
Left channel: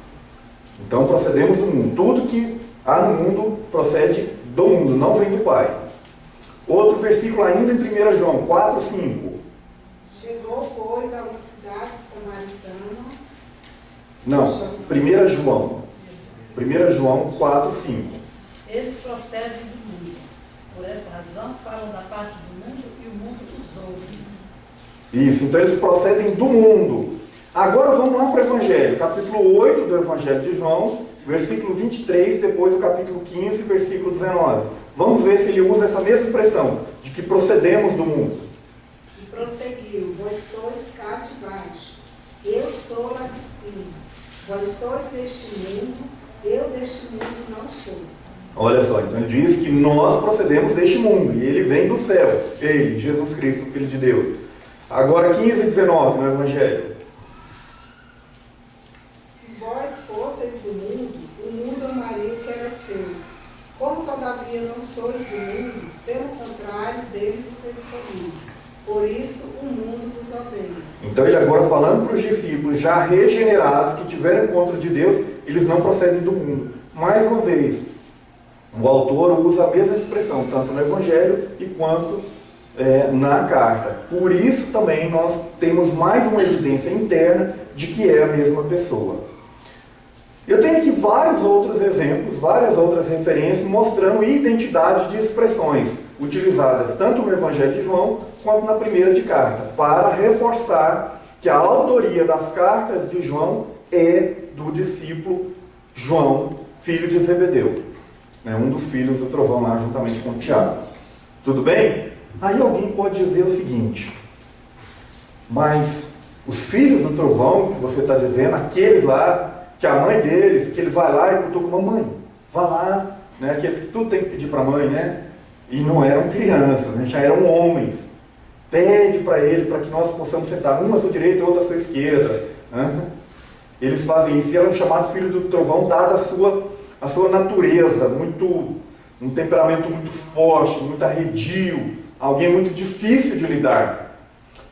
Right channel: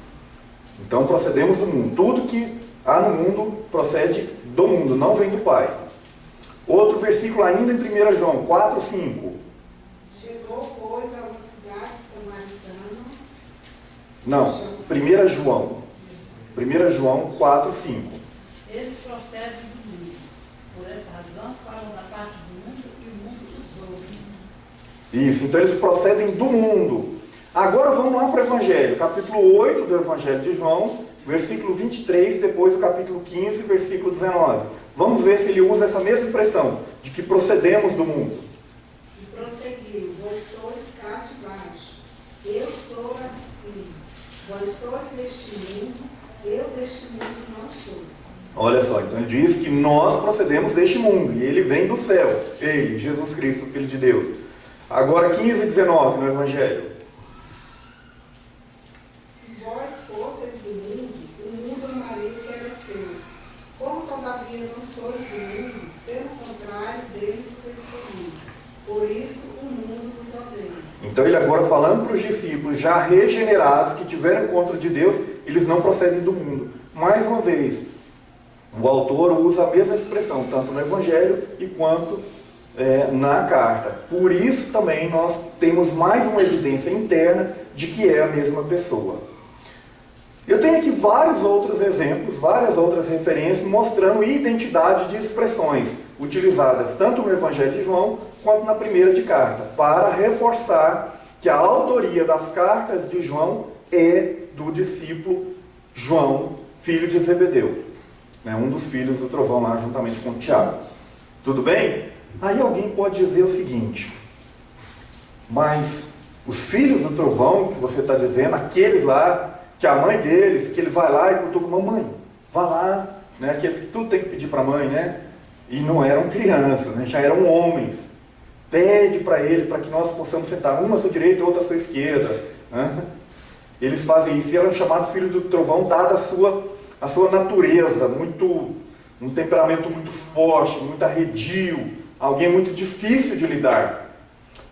Então procedemos do mundo. Tudo que há no mundo procede do mundo, não vem do Pai. Outro versículo ainda em 1 João 4, 5. Chegou, pois, a uma cidade samaritana. Não, 1 João. 1 João 4, 5. Eles procedem do mundo. Por essa razão, falam da parte do mundo e o mundo dos ouve. Isso, então eles procedem do mundo. Agora vamos lá para o Evangelho, capítulo 8 do Evangelho de João, versículo 23, depois o capítulo 15, versículo 19. Vamos ver se ele usa essa mesma expressão, de que procedemos do mundo. E prosseguiu: vós sois cá de baixo, eu sou lá de cima. Vós sois deste mundo, eu deste mundo não sou. Olha só, então ele diz que nós procedemos deste mundo, e ele vem do céu. Ele, Jesus Cristo, Filho de Deus. Agora 15 e 19 no Evangelho. Se vós fosseis do mundo, o mundo amaria o que era seu. Como todavia não sois do mundo, pelo contrário, dele vos escolhi. Por isso o mundo vos odeia. Então ele agora falando para os discípulos já regenerados, que tiveram encontro de Deus, eles não procedem do mundo. Mais uma vez, o autor usa a mesma expressão, tanto no Evangelho e quanto na carta. Por isso também nós temos mais uma evidência interna de que é a mesma pessoa. Eu tenho aqui vários outros exemplos, várias outras referências mostrando identidade de expressões utilizadas tanto no Evangelho de João quanto na primeira de carta, para reforçar que a autoria das cartas de João é do discípulo João, filho de Zebedeu, um dos filhos do trovão lá juntamente com Tiago. Tudo bem? Aí alguém pode dizer o seguinte: mas os filhos do trovão que você está dizendo, aqueles lá, que a mãe deles, que ele vai lá e cutuca, mamãe, vá lá, aqueles que tudo tem que pedir para a mãe, e não eram crianças, já eram homens, pede para ele, para que nós possamos sentar uma à sua direita e outra à sua esquerda, Eles fazem isso, e eram chamados filhos do trovão, dada a sua natureza, um temperamento muito forte, muito arredio, alguém muito difícil de lidar.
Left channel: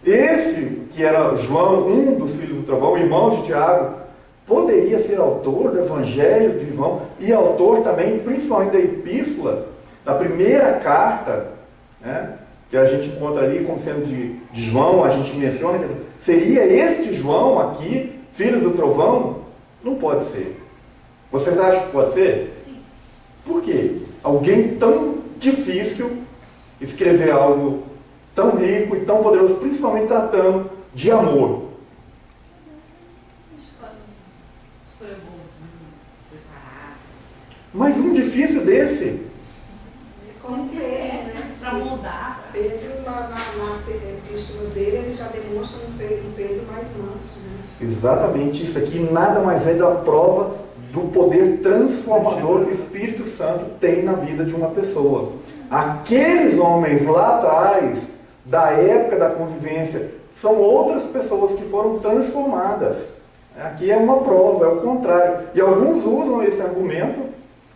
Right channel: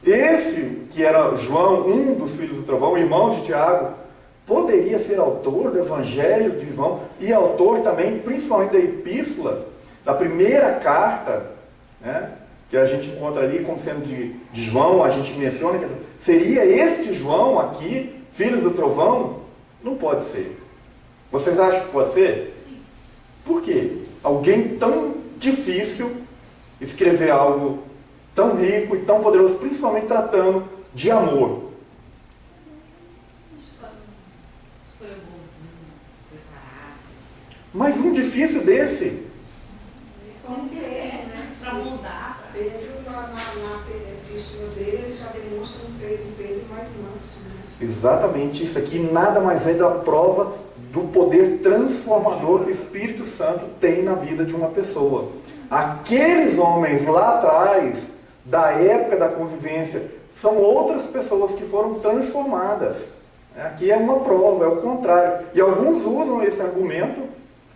Esse, que era João, um dos filhos do trovão, irmão de Tiago, poderia ser autor do Evangelho de João e autor também, principalmente da epístola, da primeira carta, que a gente encontra ali como sendo de João, a gente menciona que seria este João aqui, filhos do trovão? Não pode ser. Vocês acham que pode ser? Sim. Por quê? Alguém tão difícil escrever algo tão rico e tão poderoso, principalmente tratando de amor. Escolha bonzinho, preparado. Mas um difícil desse, Como Pedro, Para moldar. Pedro, na epístola dele, ele já demonstra um Pedro mais manso. exatamente isso aqui nada mais é da prova do poder transformador que o Espírito Santo tem na vida de uma pessoa. Aqueles homens lá atrás, da época da convivência, são outras pessoas que foram transformadas. Aqui é uma prova, é o contrário. E alguns usam esse argumento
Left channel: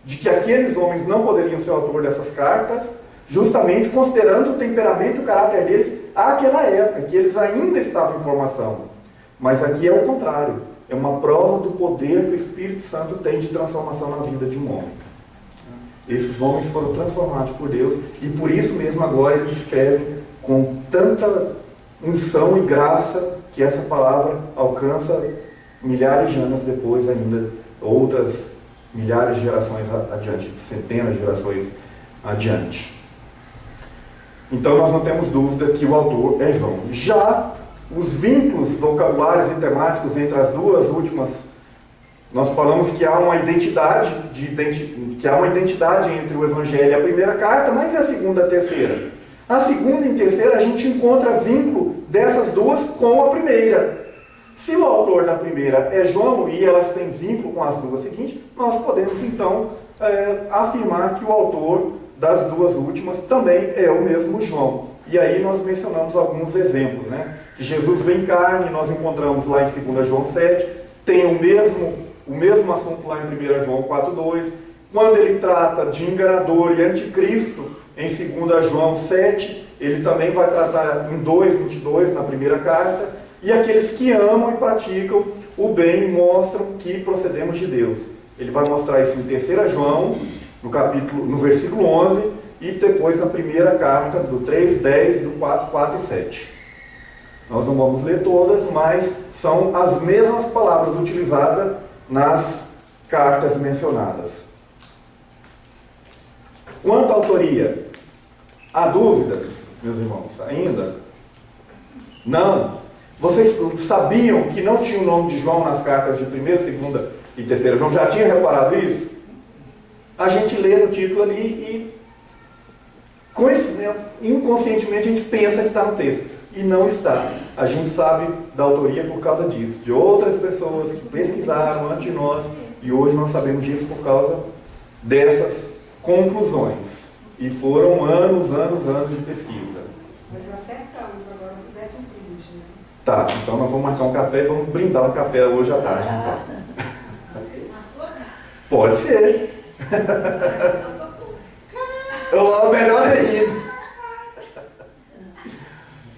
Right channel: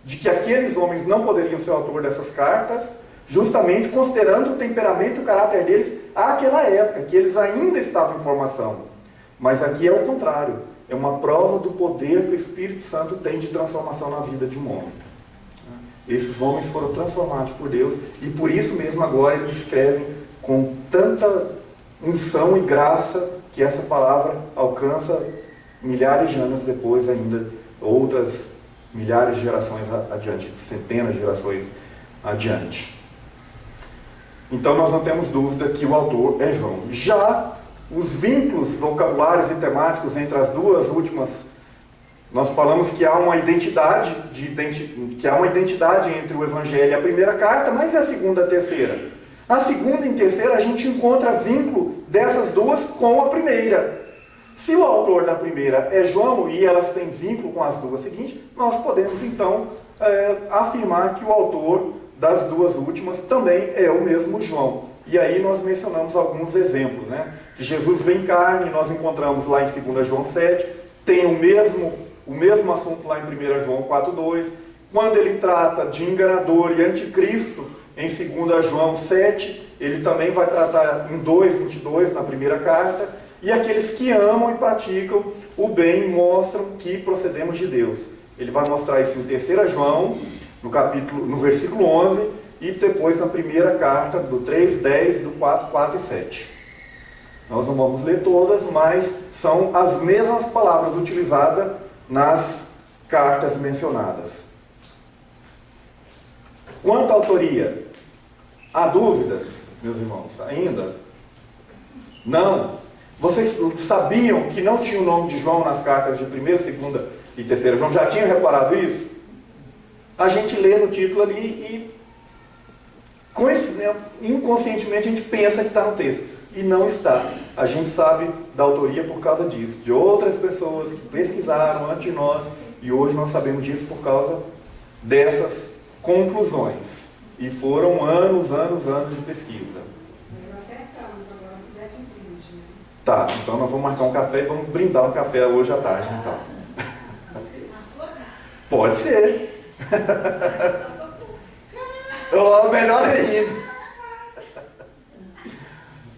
de que aqueles homens não poderiam ser o autor dessas cartas, justamente considerando o temperamento e o caráter deles àquela época, que eles ainda estavam em formação. Mas aqui é o contrário. É uma prova do poder que o Espírito Santo tem de transformação na vida de um homem. Esses homens foram transformados por Deus e por isso mesmo agora eles escrevem com tanta unção e graça que essa palavra alcança milhares de anos depois ainda, outras milhares de gerações adiante, centenas de gerações adiante. Então nós não temos dúvida que o autor é João. Já os vínculos vocabulários e temáticos entre as duas últimas, nós falamos que há uma identidade entre o Evangelho e a primeira carta, mas e a segunda e a terceira? A segunda e a terceira a gente encontra vínculo dessas duas com a primeira. Se o autor da primeira é João e elas têm vínculo com as duas seguintes, nós podemos então afirmar que o autor das duas últimas também é o mesmo João. E aí nós mencionamos alguns exemplos, né? Que Jesus vem em carne, nós encontramos lá em 2 João 7, tem o mesmo assunto lá em 1 João 4,2, quando ele trata de enganador e anticristo, em 2 João 7, ele também vai tratar em 2,22 na primeira carta, e aqueles que amam e praticam o bem mostram que procedemos de Deus. Ele vai mostrar isso em 3 João, no versículo 11, e depois na primeira carta, do 3,10, do 4 e 7. Nós não vamos ler todas, mas são as mesmas palavras utilizadas nas cartas mencionadas. Quanto à autoria, há dúvidas, meus irmãos, ainda? Não. Vocês sabiam que não tinha o nome de João nas cartas de 1ª, 2ª e 3ª João? Já tinham reparado isso? A gente lê no título ali e inconscientemente a gente pensa que está no texto. E não está. A gente sabe da autoria por causa disso, de outras pessoas que pesquisaram antes de nós, e hoje nós sabemos disso por causa dessas conclusões. E foram anos de pesquisa. Nós acertamos, agora tu deve um brinde, né? Tá, então nós vamos marcar um café e vamos brindar um café hoje à tarde, então. Na sua casa. Pode ser. Na sua casa. Ou melhor ainda.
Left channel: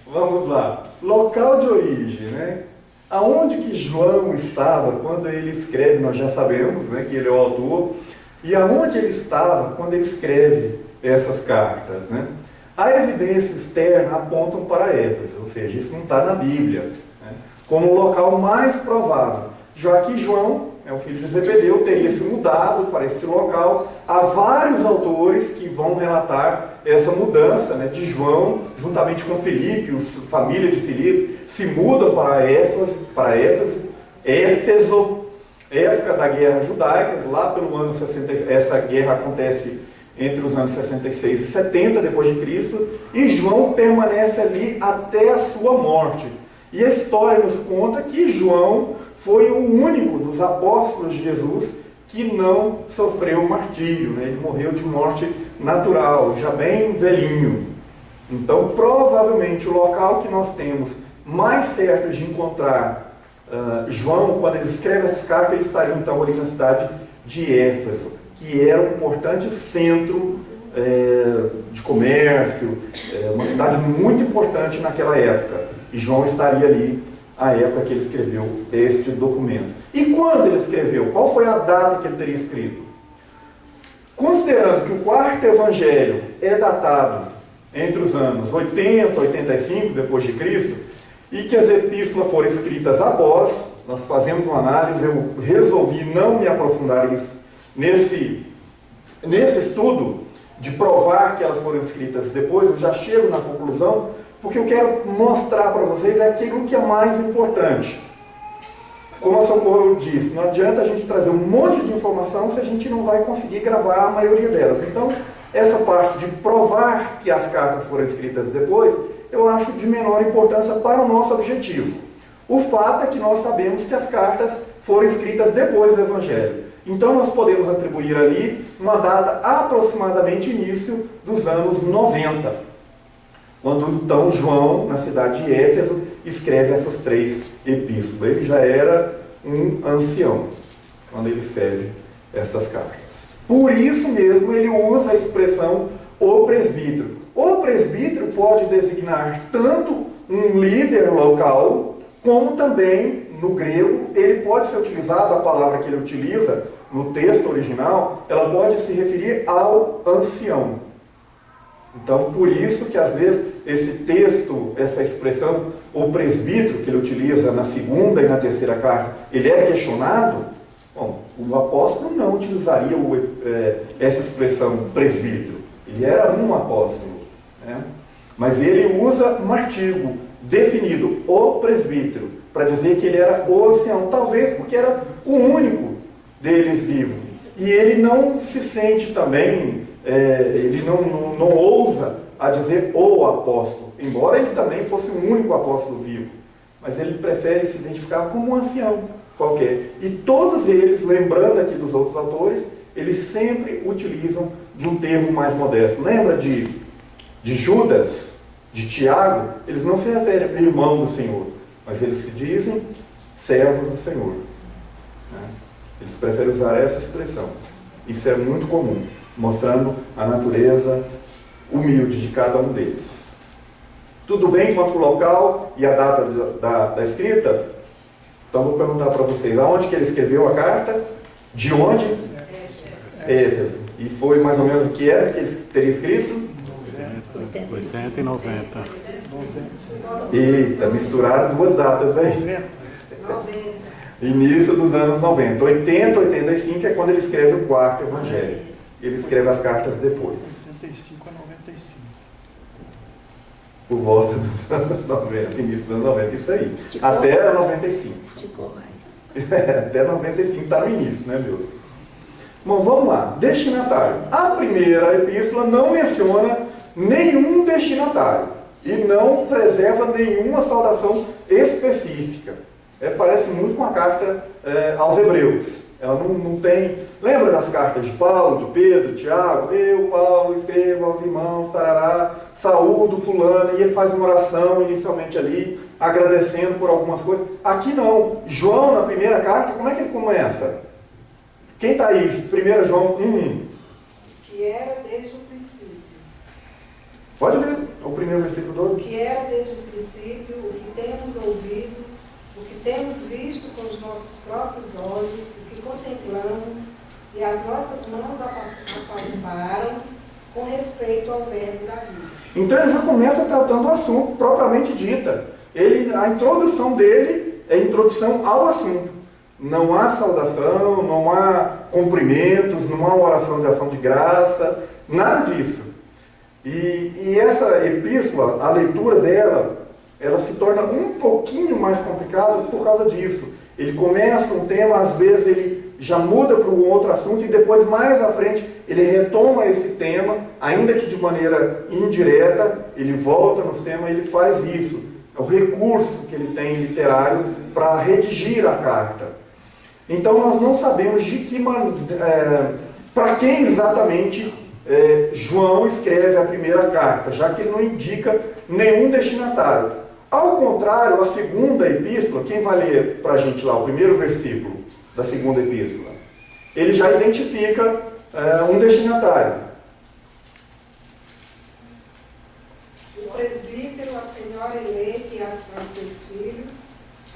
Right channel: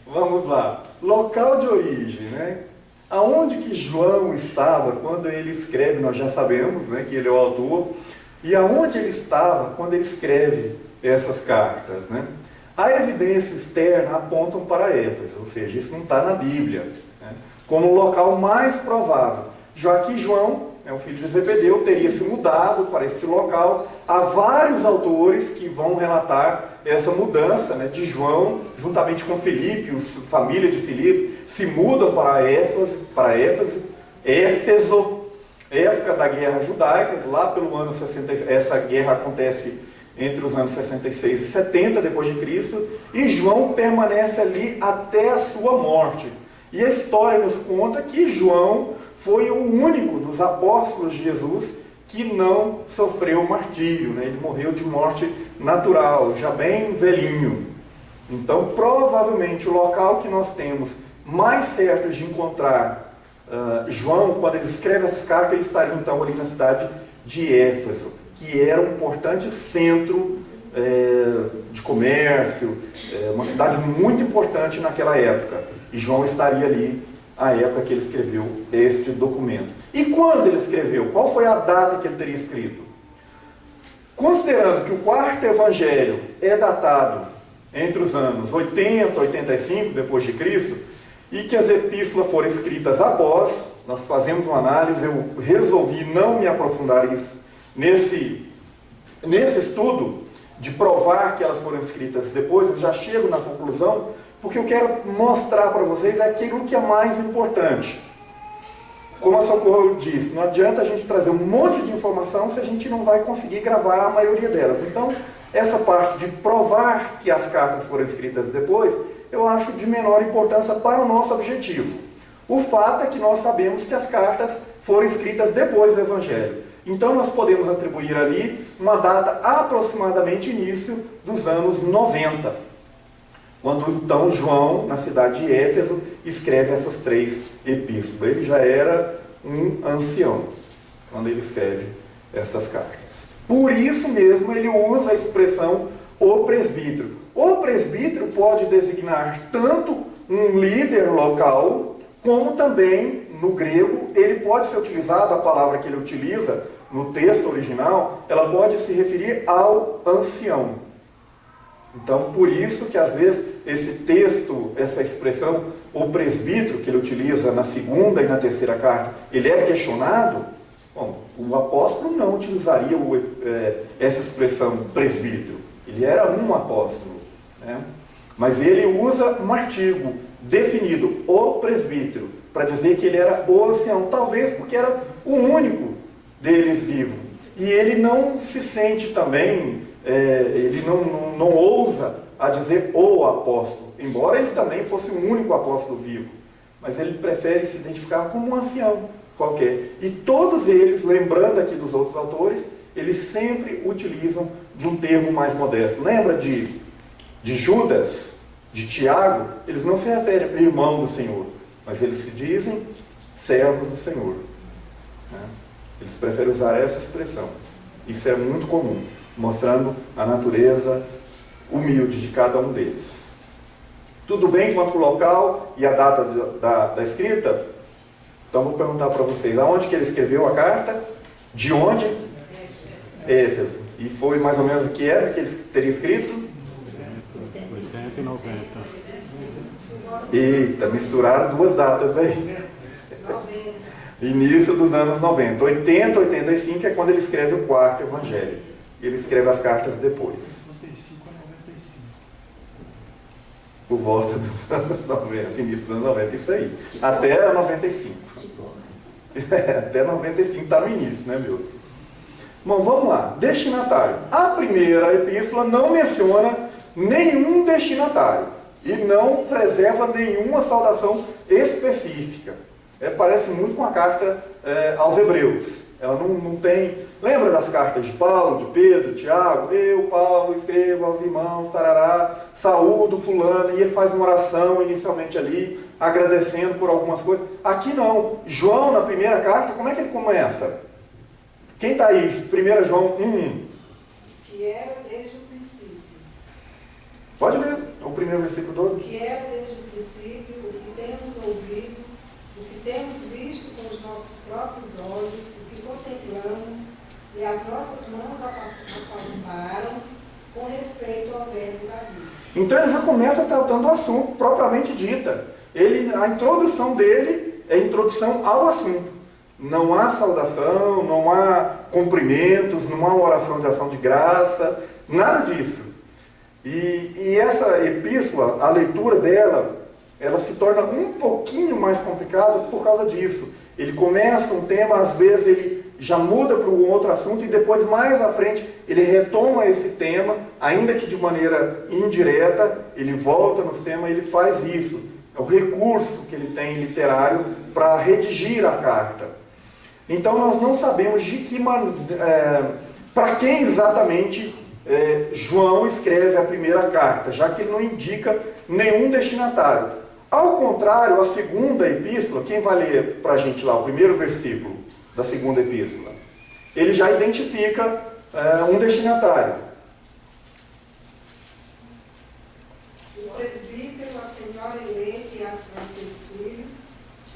Vamos lá. Local de origem, né? Aonde que João estava quando ele escreve, nós já sabemos, né, que ele é o autor, e aonde ele estava quando ele escreve essas cartas, né? A evidência externa apontam para Éfeso, ou seja, isso não está na Bíblia, né, como o local mais provável, já que João, o filho de Zebedeu, teria se mudado para esse local. Há vários autores que vão relatar essa mudança, né, de João, juntamente com Filipe, a família de Filipe, se mudam para Éfeso, época da guerra judaica, lá pelo ano 66. Essa guerra acontece entre os anos 66 e 70 depois de Cristo, e João permanece ali até a sua morte. E a história nos conta que João foi o único dos apóstolos de Jesus que não sofreu martírio, né? Ele morreu de morte natural, já bem velhinho. Então, provavelmente, o local que nós temos mais certo de encontrar João, quando ele escreve essas cartas, ele estaria então ali na cidade de Éfeso, que era um importante centro de comércio, uma cidade muito importante naquela época. E João estaria ali a época que ele escreveu este documento. E quando ele escreveu? Qual foi a data que ele teria escrito? Considerando que o quarto evangelho é datado entre os anos 80 e 85 depois de Cristo, e que as epístolas foram escritas após, nós fazemos uma análise, eu resolvi não me aprofundar nesse estudo de provar que elas foram escritas depois, eu já chego na conclusão, porque eu quero mostrar para vocês aquilo que é mais importante. Como a Socorro disse, não adianta a gente trazer um monte de informação se a gente não vai conseguir gravar a maioria delas. Então, essa parte de provar que as cartas foram escritas depois, eu acho de menor importância para o nosso objetivo. O fato é que nós sabemos que as cartas foram escritas depois do Evangelho. Então, nós podemos atribuir ali uma data aproximadamente início dos anos 90. Quando então João, na cidade de Éfeso, escreve essas 3 epístolas. Ele já era um ancião quando ele escreve essas cartas. Por isso mesmo ele usa a expressão o presbítero. O presbítero pode designar tanto um líder local, como também, no grego, ele pode ser utilizado, a palavra que ele utiliza no texto original, ela pode se referir ao ancião. Então, por isso que às vezes esse texto, essa expressão, o presbítero, que ele utiliza na segunda e na terceira carta, ele é questionado. Bom, o apóstolo não utilizaria essa expressão presbítero. Ele era um apóstolo, né? Mas ele usa um artigo definido, o presbítero, para dizer que ele era o ancião, talvez porque era o único deles vivo. E ele não se sente também, ele não ousa a dizer o apóstolo, embora ele também fosse o único apóstolo vivo, mas ele prefere se identificar como um ancião qualquer. E todos eles, lembrando aqui dos outros autores, eles sempre utilizam de um termo mais modesto. Lembra de Judas, de Tiago? Eles não se referem a irmão do Senhor, mas eles se dizem servos do Senhor, né? Eles preferem usar essa expressão. Isso é muito comum, mostrando a natureza humilde de cada um deles. Tudo bem quanto ao local e a data da escrita? Então vou perguntar para vocês, aonde que ele escreveu a carta? De onde? Éfeso. E foi mais ou menos em que época que ele teria escrito? 80 e 90. Eita, misturaram duas datas aí. Início dos anos 90. 80, 85 é quando ele escreve o quarto evangelho. Ele escreve as cartas depois. 85 a 95. Por volta dos anos 90, início dos anos 90, isso aí. Até 95. Até 95 está no início, né, meu? Bom, vamos lá. Destinatário. A primeira epístola não menciona nenhum destinatário e não preserva nenhuma saudação específica. Parece muito com a carta aos Hebreus. Ela não tem... Lembra das cartas de Paulo, de Pedro, de Tiago? Eu, Paulo, escrevo aos irmãos, tarará, saúdo fulano, e ele faz uma oração inicialmente ali, agradecendo por algumas coisas. Aqui não. João, na primeira carta, como é que ele começa? Quem está aí? 1 João 1. Que era desde o princípio. Pode ler o primeiro versículo todo. Que era desde o princípio, o que temos ouvido, o que temos visto com os nossos próprios olhos, o que contemplamos, e as nossas mãos apalparam com respeito ao verbo da vida. Então ele já começa tratando o assunto propriamente dita. A introdução dele é a introdução ao assunto. Não há saudação, não há cumprimentos, não há uma oração de ação de graça, nada disso. E essa epístola, a leitura dela, ela se torna um pouquinho mais complicada por causa disso. Ele começa um tema, às vezes ele já muda para um outro assunto e depois, mais à frente, ele retoma esse tema, ainda que de maneira indireta, ele volta nos temas e ele faz isso. É o recurso que ele tem literário para redigir a carta. Então nós não sabemos de que para quem exatamente João escreve a primeira carta, já que ele não indica nenhum destinatário. Ao contrário, a segunda epístola, quem vai ler para a gente lá o primeiro versículo da segunda epístola? Ele já identifica um destinatário. O presbítero, a senhora eleita e aos seus filhos,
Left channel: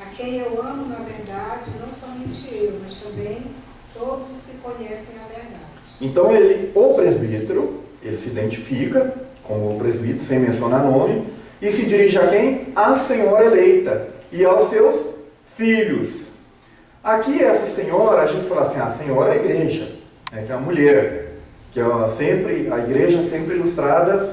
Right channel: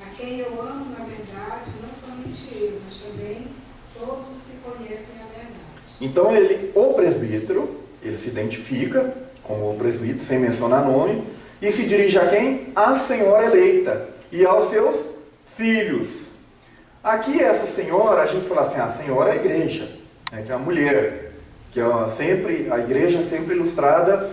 a quem eu amo na verdade, não somente eu, mas também todos os que conhecem a verdade. Então o presbítero, ele se identifica como o presbítero, sem mencionar nome, e se dirige a quem? A senhora eleita e aos seus filhos. Aqui essa senhora, a gente fala assim, a senhora é a igreja, que é a mulher, que é a igreja é sempre ilustrada,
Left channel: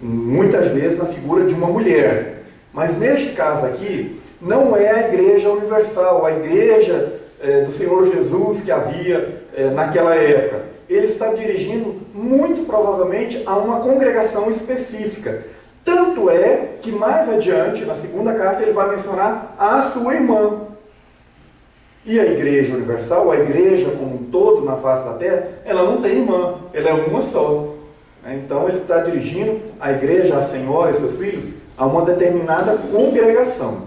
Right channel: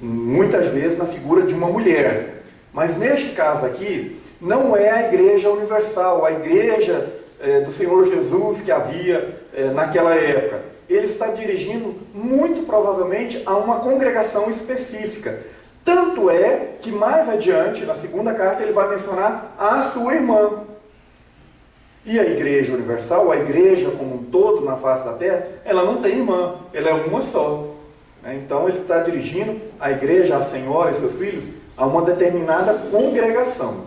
muitas vezes, na figura de uma mulher. Mas neste caso aqui, não é a igreja universal, a igreja do Senhor Jesus que havia naquela época. Ele está dirigindo, muito provavelmente, a uma congregação específica. Tanto é que mais adiante, na segunda carta, ele vai mencionar a sua irmã. E a igreja universal, a igreja como um todo na face da terra, ela não tem irmã, ela é uma só. Então ele está dirigindo a igreja, a senhora e seus filhos, a uma determinada congregação,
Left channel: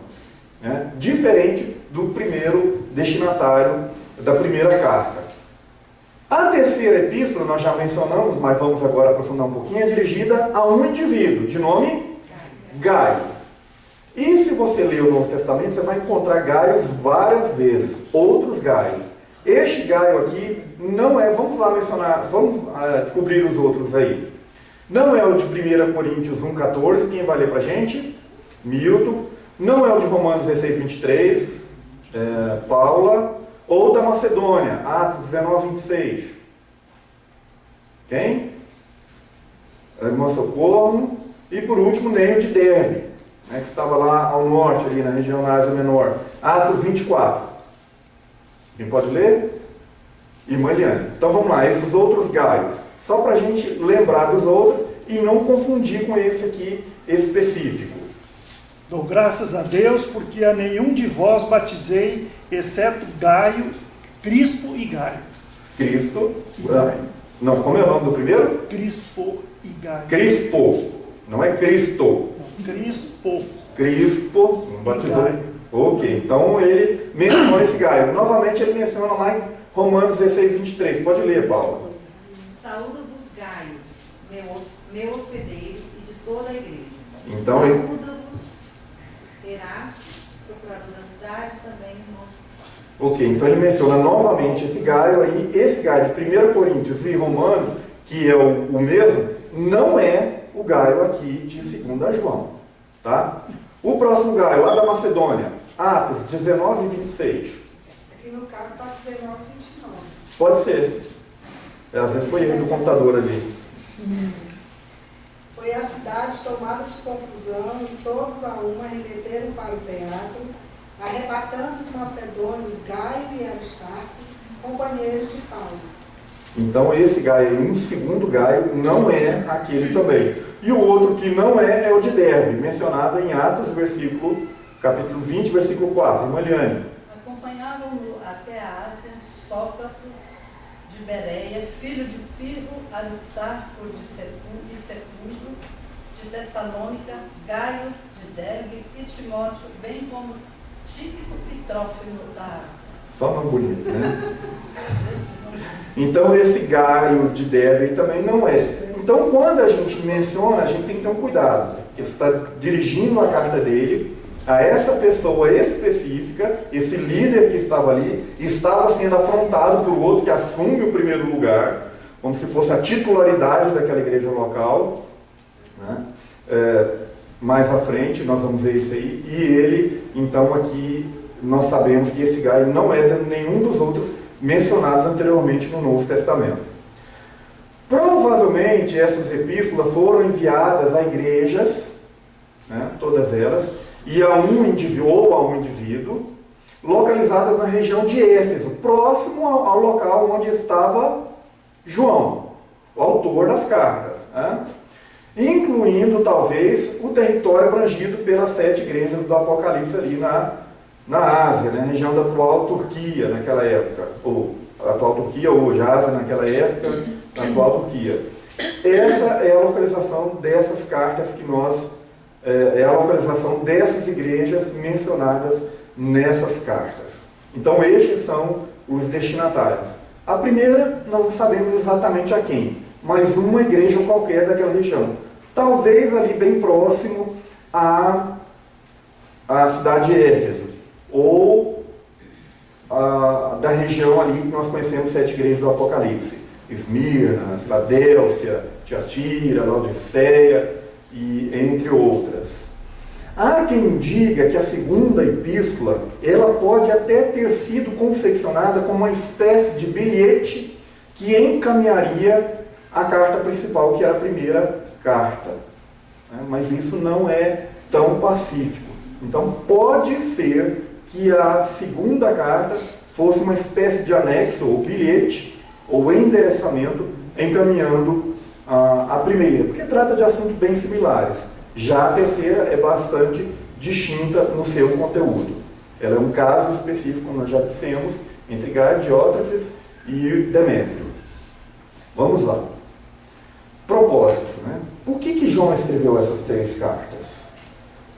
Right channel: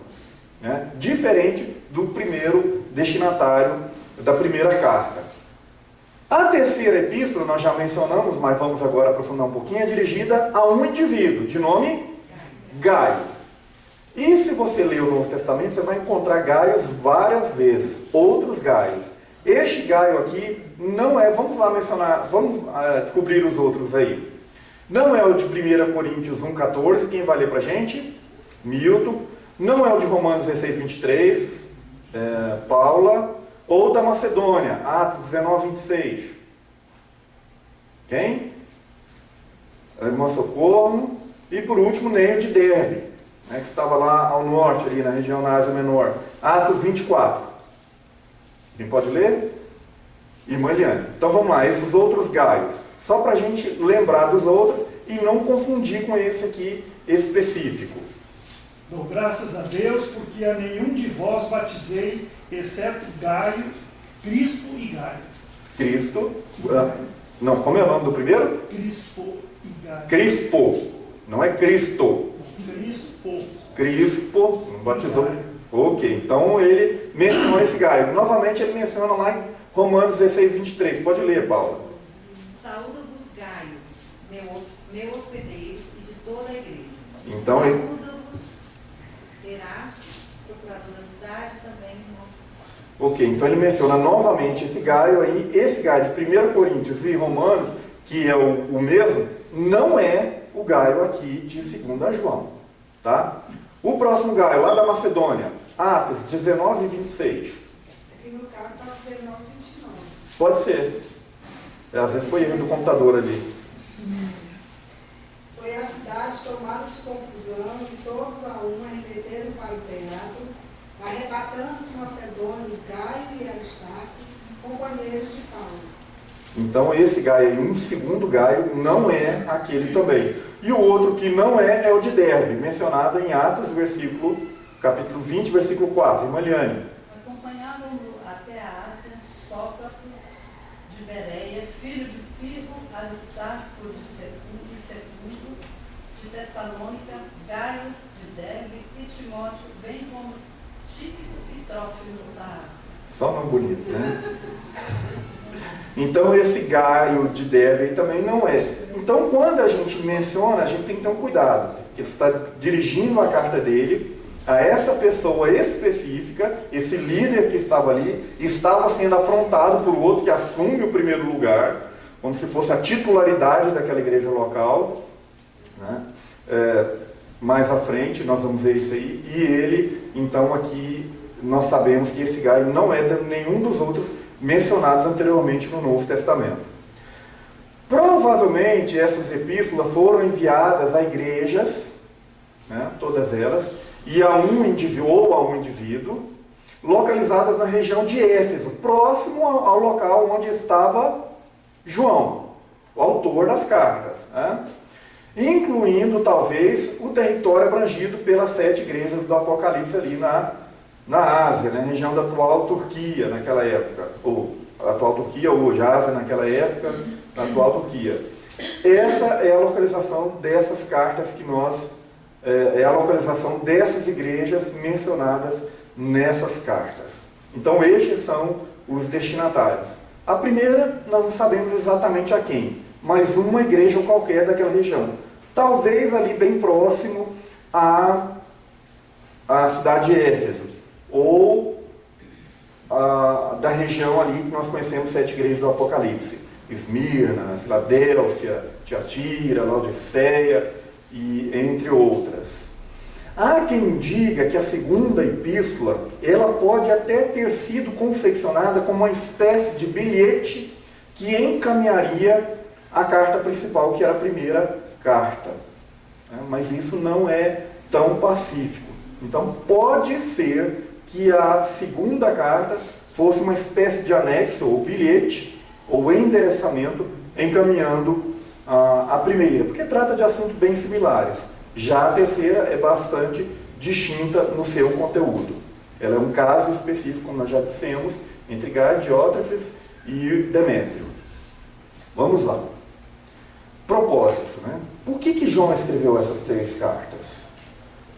diferente do primeiro destinatário da primeira carta. A terceira epístola, nós já mencionamos, mas vamos agora aprofundar um pouquinho, é dirigida a um indivíduo, de nome Gaio. E se você ler o Novo Testamento, você vai encontrar Gaios várias vezes, outros Gaios. Este Gaio aqui não é, vamos lá mencionar, vamos descobrir os outros aí. Não é o de 1 Coríntios 1,14, quem vai ler para a gente? Milton. Não é o de Romanos 16, 23, Paula. Ou da Macedônia, Atos 19, 26. Quem? A irmã Socorro. E por último, nem o de Derbe, né, que estava lá ao norte, ali na região da Ásia Menor. Atos 24. Quem pode ler? Irmã Eliane. Então vamos lá, esses outros Gaios. Só para a gente lembrar dos outros e não confundir com esse aqui específico. Dou graças a Deus, porque a nenhum de vós batizei, exceto Gaio, Crispo e Gaio. Cristo. Não, como é o nome do primeiro? Crispo e Gaio. Crispo. Não é Cristo. Crispo. Crispo. Não batizou. Ok, então ele mencionou esse Gaio. Novamente ele menciona lá em Romanos 16, 23. Pode ler, Paula. Saúda-vos Gaio, meu hospedeiro, e de toda a igreja. Então, saúda-vos Erastos, procurador da cidade, também irmão. Ok, então ele menciona novamente esse Gaio aí. Esse Gaio de 1 Coríntios e Romanos, que é o mesmo, não é o Gaio aqui de 2 João. Tá? O próximo Gaio, lá da Macedônia, Atos 19 e 26. Aqui no caso está 19 e 29. Pode ser. Às vezes foi erro do computador ali. Foi a cidade tomada de confusão e todos a uma remeteram para o teatro, arrebatando os macedônios Gaio e Aristarco, companheiros de Paulo. Então esse Gaio aí, um segundo Gaio, não é aquele também. E o outro que não é o de Derbe, mencionado em Atos, capítulo 20, versículo 4. Irmã Eliane. Acompanhavam-no até a Ásia, Sócrates de Bereia, filho de Pirro, Aristarco e Secundu, de Tessalônica, Gaio de Derbe e Timóteo, bem como Tíquico e Trófimo da Ásia. Só nome bonito, né? Então esse Gaio de Derbe também não é. Então quando a gente menciona, a gente tem que ter um cuidado. Porque ele está dirigindo a carta dele a essa pessoa específica, esse líder que estava ali, estava sendo afrontado por outro que assume o primeiro lugar, como se fosse a titularidade daquela igreja local, né? Mais à frente nós vamos ver isso aí, e ele, então aqui nós sabemos que esse Gaio não é de nenhum dos outros mencionados anteriormente no Novo Testamento. Provavelmente essas epístolas foram enviadas a igrejas, né, todas elas, e a um indivíduo, localizadas na região de Éfeso, próximo ao local onde estava João, o autor das cartas, né? Incluindo talvez o território abrangido pelas 7 igrejas do Apocalipse ali na Ásia, na região da atual Turquia naquela época, ou a atual Turquia hoje, a Ásia naquela época, a atual Turquia. Essa é a localização dessas cartas que é a localização dessas igrejas mencionadas nessas cartas. Então estes são os destinatários. A primeira, nós não sabemos exatamente a quem, mas uma igreja qualquer daquela região. Talvez ali bem próximo à cidade de Éfeso, ou da região ali que nós conhecemos 7 igrejas do Apocalipse. Esmirna, Filadélfia, Tiatira, Laodiceia, e entre outras. Há quem diga que a segunda epístola, ela pode até ter sido confeccionada como uma espécie de bilhete que encaminharia a carta principal, que era a primeira carta. Mas isso não é tão pacífico. Então pode ser que a segunda carta fosse uma espécie de anexo, ou bilhete, ou endereçamento, encaminhando a primeira, porque trata de assuntos bem similares. Já a terceira é bastante distinta no seu conteúdo. Ela é um caso específico, como nós já dissemos, entre Gaio, Diótrefes e Demétrio. Vamos lá. Propósito, né? Por que João escreveu essas 3 cartas?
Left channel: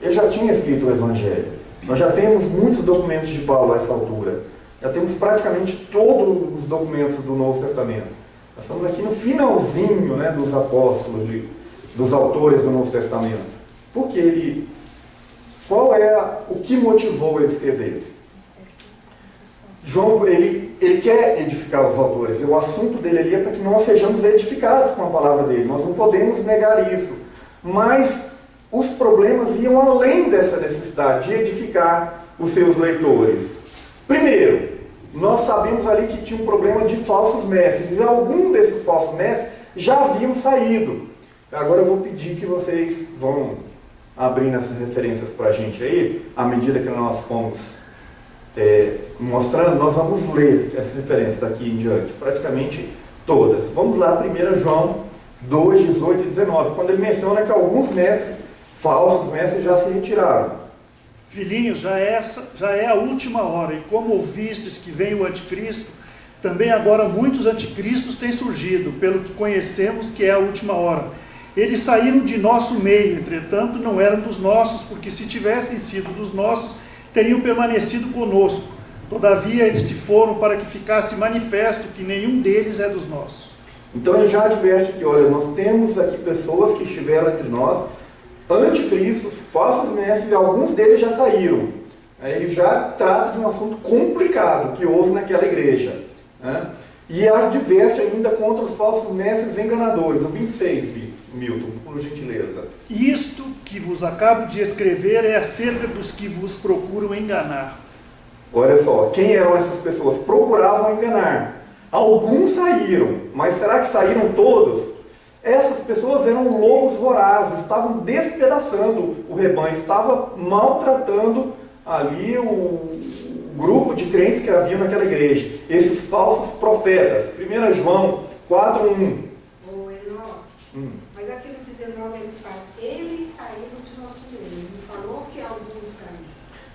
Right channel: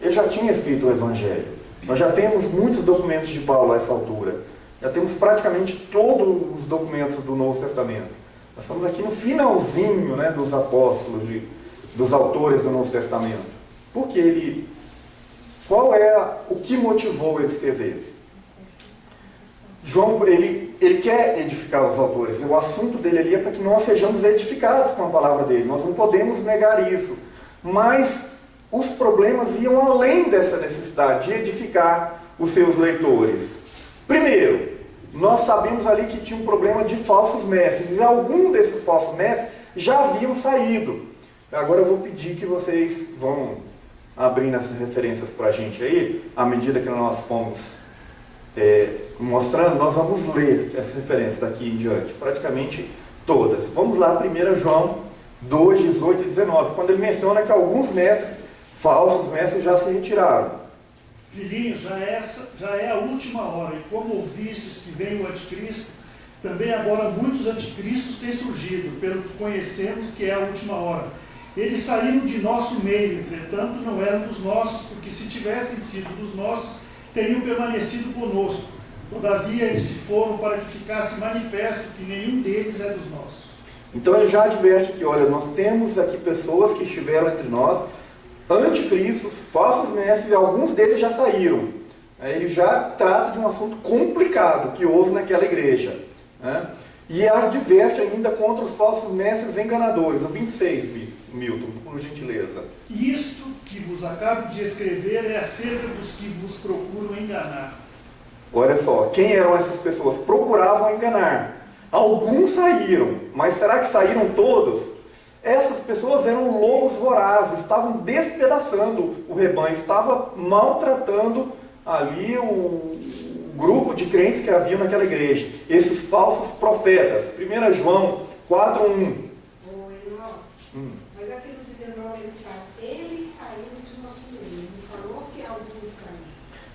Ele já tinha escrito o Evangelho. Nós já temos muitos documentos de Paulo a essa altura. Já temos praticamente todos os documentos do Novo Testamento. Nós estamos aqui no finalzinho, né, dos apóstolos, dos autores do Novo Testamento. O que motivou ele a escrever? João, ele quer edificar os autores. O assunto dele ali é para que nós sejamos edificados com a palavra dele. Nós não podemos negar isso. Mas os problemas iam além dessa necessidade de edificar os seus leitores. Primeiro, nós sabemos ali que tinha um problema de falsos mestres. E algum desses falsos mestres já haviam saído. Agora eu vou pedir que vocês vão abrindo essas referências para a gente aí, à medida que nós fomos mostrando, nós vamos ler essas referências daqui em diante, praticamente todas. Vamos lá, 1 João 2, 18 e 19, quando ele menciona que alguns mestres, falsos mestres, já se retiraram. Filhinhos, já é a última hora, e como ouvistes que vem o anticristo, também agora muitos anticristos têm surgido, pelo que conhecemos que é a última hora. Eles saíram de nosso meio, entretanto não eram dos nossos, porque se tivessem sido dos nossos, teriam permanecido conosco. Todavia eles se foram para que ficasse manifesto que nenhum deles é dos nossos. Então ele já adverte que, olha, nós temos aqui pessoas que estiveram entre nós, anticristos, falsos mestres, e alguns deles já saíram. Ele já trata de um assunto complicado que houve naquela igreja. E adverte ainda contra os falsos mestres enganadores. O 26, Milton, por gentileza. Isto que vos acabo de escrever é acerca dos que vos procuram enganar. Olha só, quem eram essas pessoas? Procuravam enganar. Alguns saíram, mas será que saíram todos? Essas pessoas eram lobos vorazes, estavam despedaçando o rebanho, estavam maltratando ali o grupo de crentes que haviam naquela igreja. Esses falsos profetas. 1 João 4, 1. Mas aqui no 19 ele fala, eles saíram de nosso meio. Ele falou que alguns saíram.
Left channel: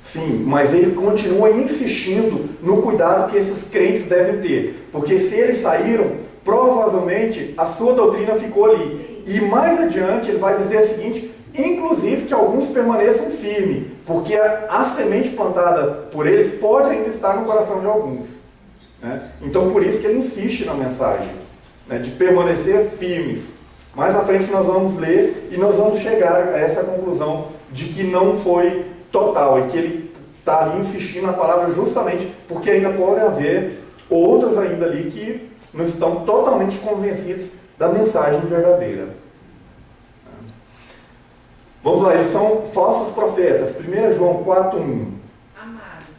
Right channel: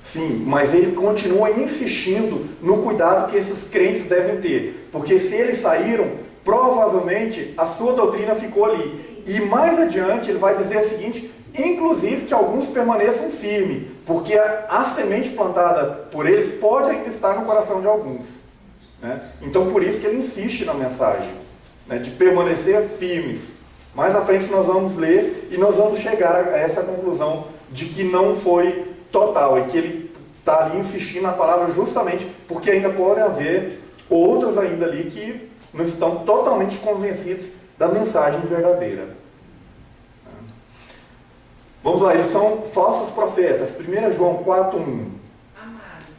Sim, mas ele continua insistindo no cuidado que esses crentes devem ter. Porque se eles saíram, provavelmente a sua doutrina ficou ali. Sim. E mais adiante ele vai dizer o seguinte, inclusive que alguns permaneçam firmes, porque a semente plantada por eles pode ainda estar no coração de alguns. Então por isso que ele insiste na mensagem, de permanecer firmes. Mais à frente nós vamos ler e nós vamos chegar a essa conclusão de que não foi total e que ele está ali insistindo na palavra justamente porque ainda pode haver outros ainda ali que não estão totalmente convencidos da mensagem verdadeira. Vamos lá, eles são falsos profetas. 1 João 4, 1. Amados,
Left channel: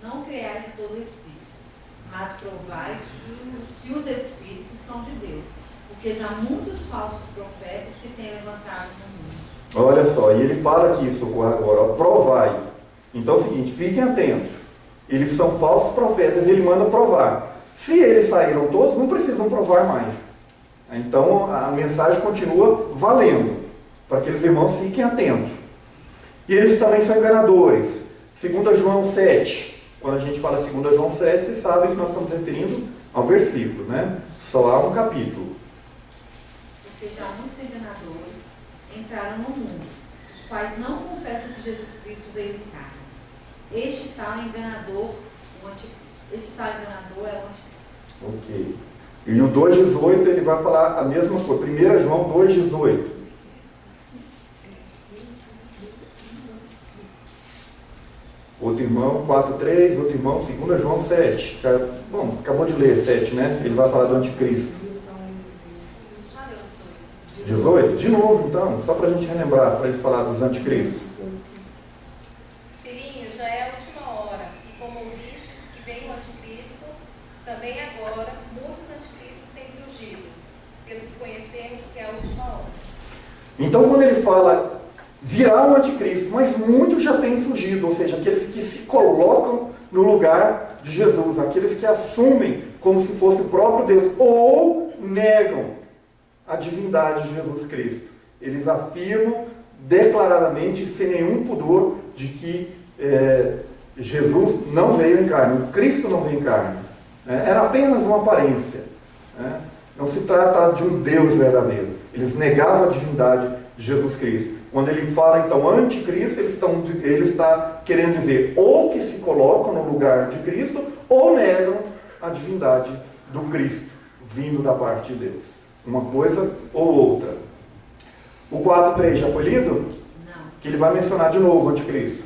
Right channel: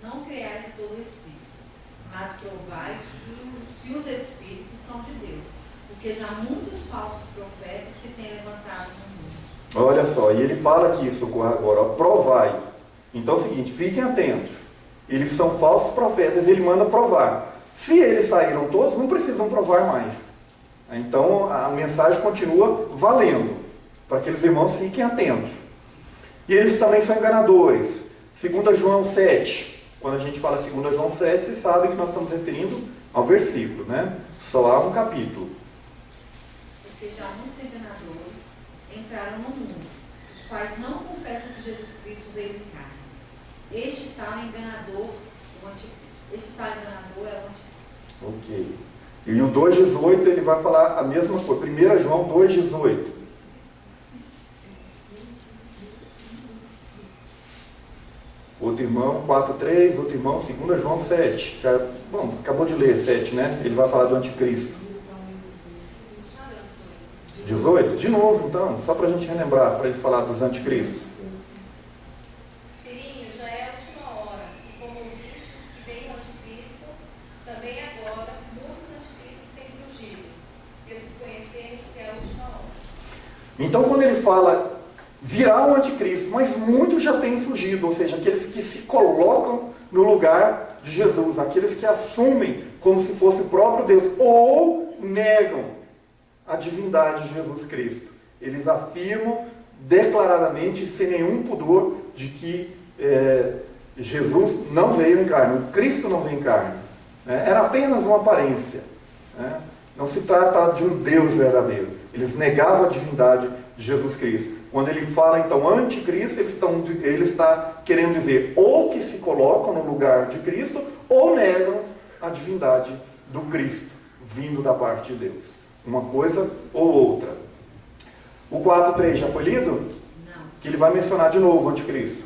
não creais em todo o Espírito, mas provai se os Espíritos são de Deus, porque já muitos falsos profetas se têm levantado no mundo. Olha só, e ele fala aqui, Socorro, agora, provai. Então é o seguinte, fiquem atentos. Eles são falsos profetas, ele manda provar. Se eles saíram todos, não precisam provar mais. Então a mensagem continua valendo, para aqueles irmãos fiquem atentos. E eles também são enganadores. 2 João 7. Quando a gente fala 2 João 7, vocês sabem que nós estamos referindo ao versículo, Só há um capítulo. Porque já muitos enganadores entraram no mundo, os quais não confessam que Jesus Cristo veio em carne. Este tal enganador, o anticristo. Este tal enganador é o anticristo. Ok. E o 2,18 ele vai falar a mesma coisa. 1 João 2,18. Outro irmão, 4,3. Outro irmão, 2 João 7. Bom, acabou de ler 7, Ele vai falar do anticristo. 18? De novo, então, só para a gente relembrar, para ele falar dos anticristos. Filhinhos, já é a última hora, e como ouvistes que vem o anticristo, também agora muitos anticristos têm surgido, pelo que conhecemos que é a última hora. Então, quando ele fala, virá o anticristo, mas muitos já têm surgido, ou seja, aqueles que se colocam no lugar de Jesus, aqueles que assumem como se fosse o próprio Deus, ou negam a divindade de Jesus Cristo. Eles afirmam declaradamente, sem nenhum pudor, de que Jesus não veio em carne, o Cristo não veio em carne. Era apenas uma aparência. Não se trata de um Deus verdadeiro. Eles negavam a divindade de Jesus Cristo. Quando ele fala, então, anticristo, ele está querendo dizer ou que se colocam no lugar de Cristo, ou negam a divindade do Cristo, vindo da parte de Deus. Uma coisa ou outra. O 4,3 já foi lido? Não. Que ele vai mencionar de novo o anticristo.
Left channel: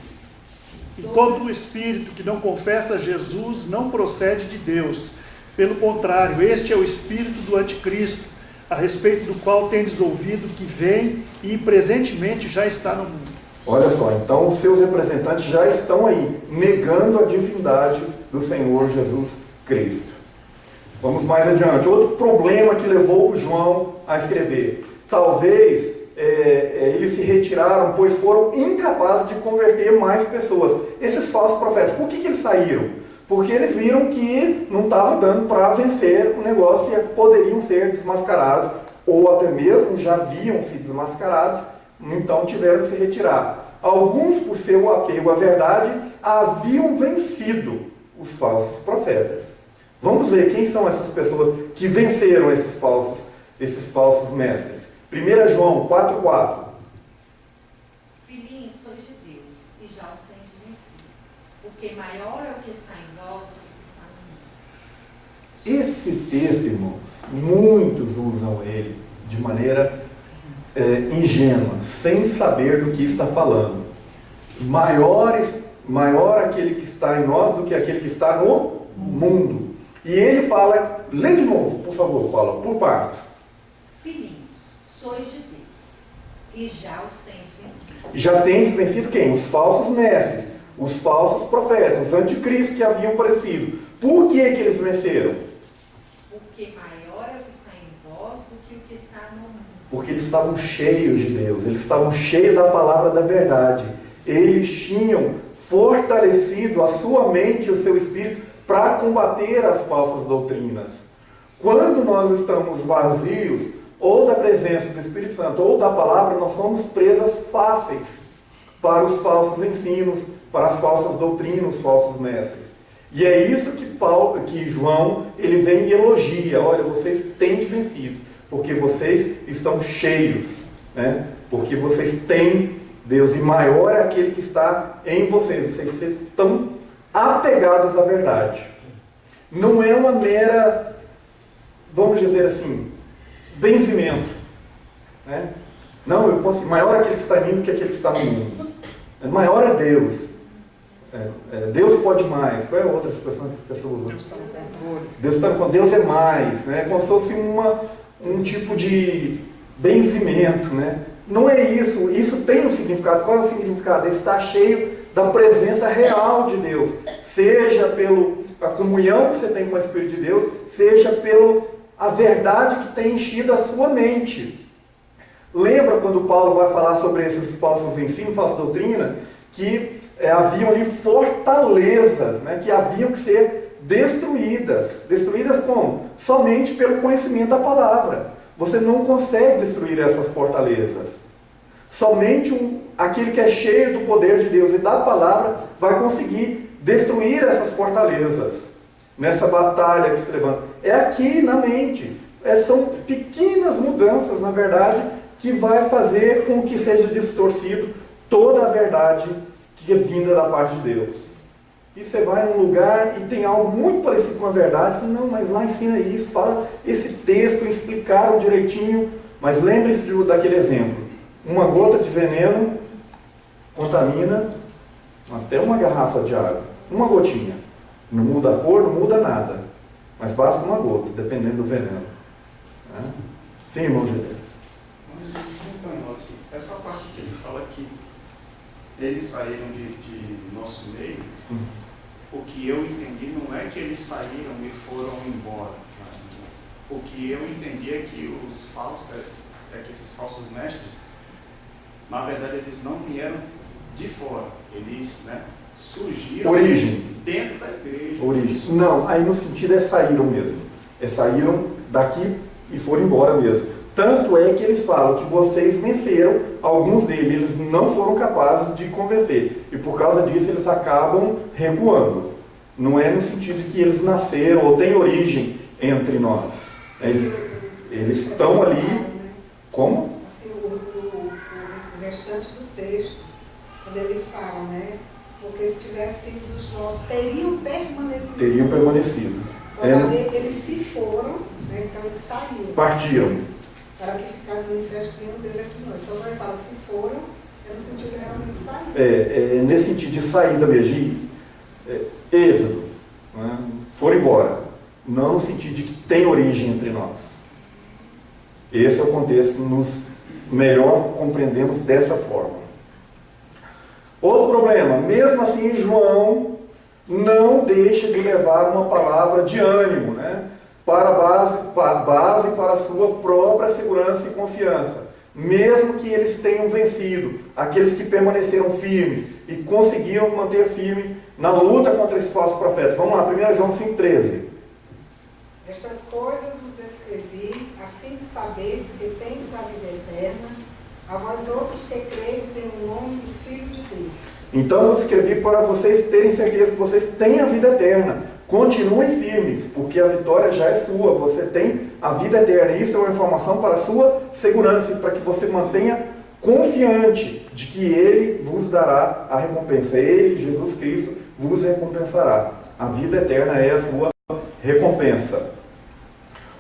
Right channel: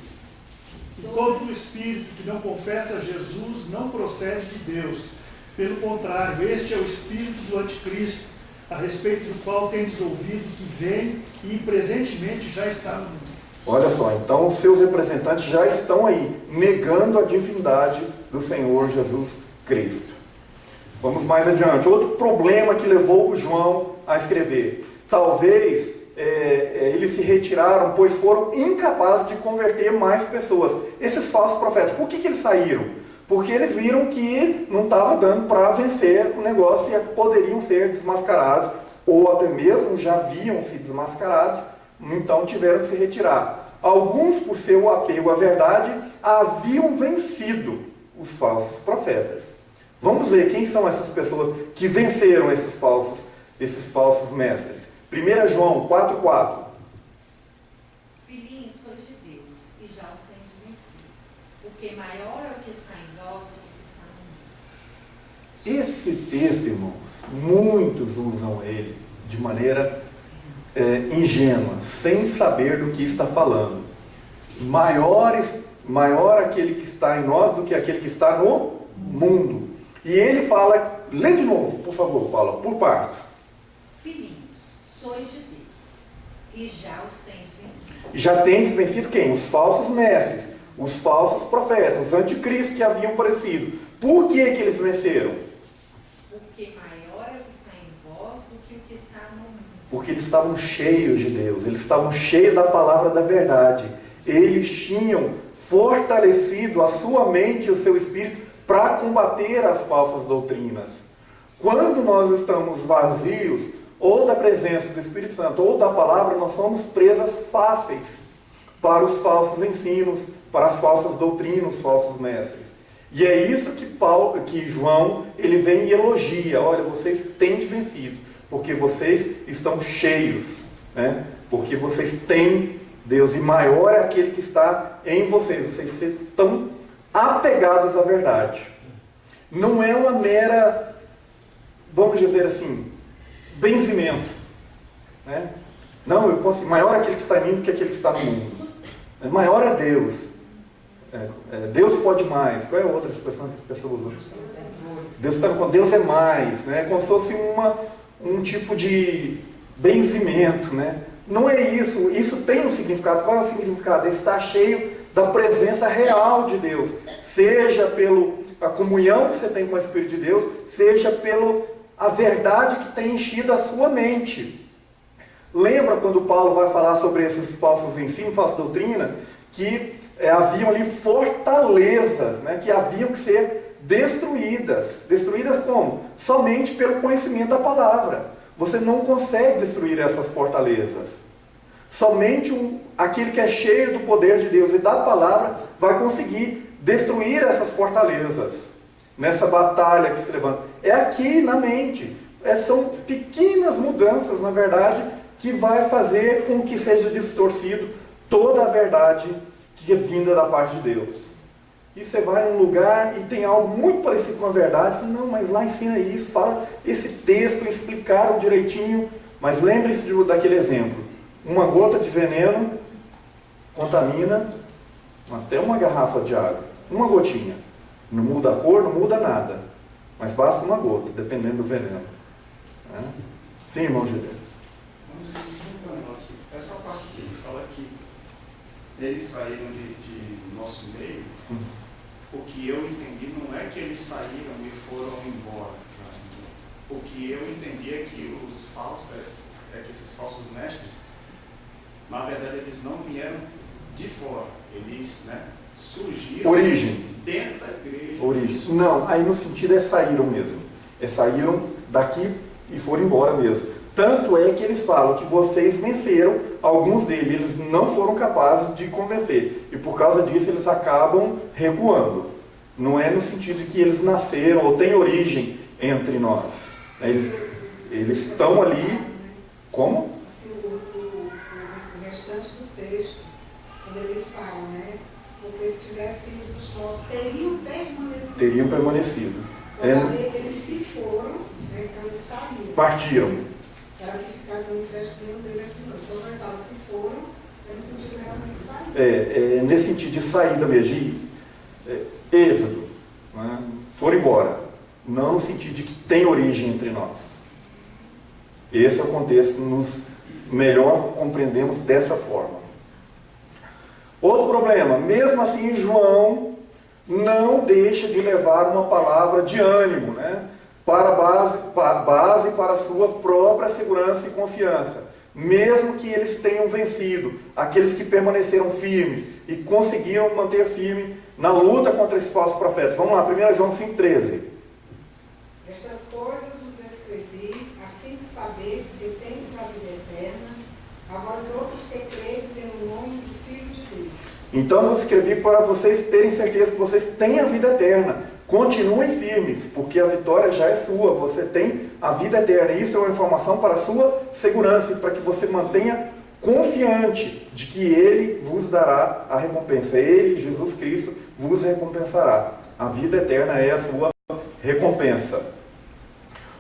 E todo o espírito que não confessa Jesus não procede de Deus. Pelo contrário, este é o espírito do anticristo, a respeito do qual tendes ouvido que vem e presentemente já está no mundo. Olha só, então os seus representantes já estão aí, negando a divindade do Senhor Jesus Cristo. Vamos mais adiante. Outro problema que levou o João a escrever. Talvez eles se retiraram, pois foram incapazes de converter mais pessoas. Esses falsos profetas, por que eles saíram? Porque eles viram que não estava dando para vencer o negócio e poderiam ser desmascarados, ou até mesmo já haviam se desmascarados, então tiveram que se retirar. Alguns, por seu apego à verdade, haviam vencido os falsos profetas. Vamos ver quem são essas pessoas que venceram esses falsos mestres. 1 João 4,4. Filhinhos, sois de Deus, e já os tendes vencido, porque maior é o que está em vós do que o que está no mundo. Esse texto, irmãos, muitos usam ele de maneira ingênua, sem saber do que está falando. Maior aquele que está em nós do que aquele que está no mundo. E ele fala, lê de novo, por favor, Paula, por partes. Filhinhos, sois de Deus, e já os tendes vencido. Já tendes vencido quem? Os falsos mestres, os falsos profetas, os anticristos que haviam aparecido. Por que eles venceram? Porque maior é o que está em vós do que o que está no mundo. Porque eles estavam cheios de Deus, eles estavam cheios da palavra da verdade. Eles tinham fortalecido a sua mente e o seu espírito para combater as falsas doutrinas. Quando nós estamos vazios, ou da presença do Espírito Santo, ou da palavra, nós somos presas fáceis para os falsos ensinos, para as falsas doutrinas, os falsos mestres. E é isso que João, ele vem e elogia. Olha, vocês têm vencido, porque vocês estão cheios, né? Porque vocês têm Deus, e maior é aquele que está em vocês. Vocês estão apegados à verdade. Não é uma mera, vamos dizer assim, benzimento, né? Não, eu posso, maior é aquele que está em mim do que aquele que está no mundo. Maior é Deus. Deus pode mais. Qual é a outra expressão que as pessoas usam? Deus está no controle. Deus é mais, né? Como se fosse um tipo de benzimento, né? Não é isso. Isso tem um significado. Qual é o significado? Ele está cheio da presença real de Deus. Seja pela comunhão que você tem com o Espírito de Deus, seja pela verdade que tem enchido a sua mente. Lembra quando Paulo vai falar sobre esses falsos ensinos, falsa doutrina, que haviam ali fortalezas, né, que haviam que ser destruídas. Destruídas como? Somente pelo conhecimento da palavra. Você não consegue destruir essas fortalezas. Somente aquele que é cheio do poder de Deus e da palavra vai conseguir destruir essas fortalezas. Nessa batalha que se levanta. É aqui na mente. São pequenas mudanças, na verdade, que vai fazer com que seja distorcido toda a verdade que é vinda da parte de Deus. E você vai num lugar e tem algo muito parecido com a verdade, você, não, mas lá ensina isso, fala esse texto, explicaram direitinho, mas lembre-se daquele exemplo. Uma gota de veneno contamina até uma garrafa de água. Uma gotinha. Não muda a cor, não muda nada. Mas basta uma gota, dependendo do veneno. Sim, irmão Gideon. Essa parte que ele fala que eles saíram de nosso meio, o que eu entendi não é que eles saíram e foram embora. O que eu entendi é que que esses falsos mestres, na verdade, eles não vieram de fora, eles surgiram dentro da igreja. Origem. Não, aí no sentido saíram mesmo. Saíram daqui e foram embora mesmo. Tanto é que eles falam que vocês venceram, alguns deles eles não foram capazes de convencer. E por causa disso eles acabam recuando. Não é no sentido de que eles nasceram ou têm origem entre nós. Eles estão ali como? Assim, o restante do texto, quando ele fala, né? Porque se tivesse sido dos nossos, teriam permanecido. Teriam permanecido. Eles se foram, né? Então eles saíram. Partiram. Para que ficasse manifestando deles de nós. Então ele fala, se foram, é no sentido de realmente nesse sentido de saída mesmo, êxodo, né? Foram embora, não no sentido de que tem origem entre nós. Esse é o contexto, nos melhor compreendemos dessa forma. Outro problema, mesmo assim João não deixa de levar uma palavra de ânimo, né? Para a base para a sua própria segurança e confiança. Mesmo que eles tenham vencido, aqueles que permaneceram firmes e conseguiram manter firme na luta contra esses falsos profetas. Vamos lá, 1 João 5,13. Estas coisas vos escrevi, a fim de saberes que tendes a vida eterna, a vós outros que credes em nome do Filho de Deus. Então eu escrevi para vocês terem certeza que vocês têm a vida eterna. Continuem firmes, porque a vitória já é sua. Você tem a vida eterna. Isso é uma informação para a sua segurança e para que você mantenha confiante de que Ele vos dará a recompensa. Ele, Jesus Cristo, vos recompensará. A vida eterna é a sua recompensa.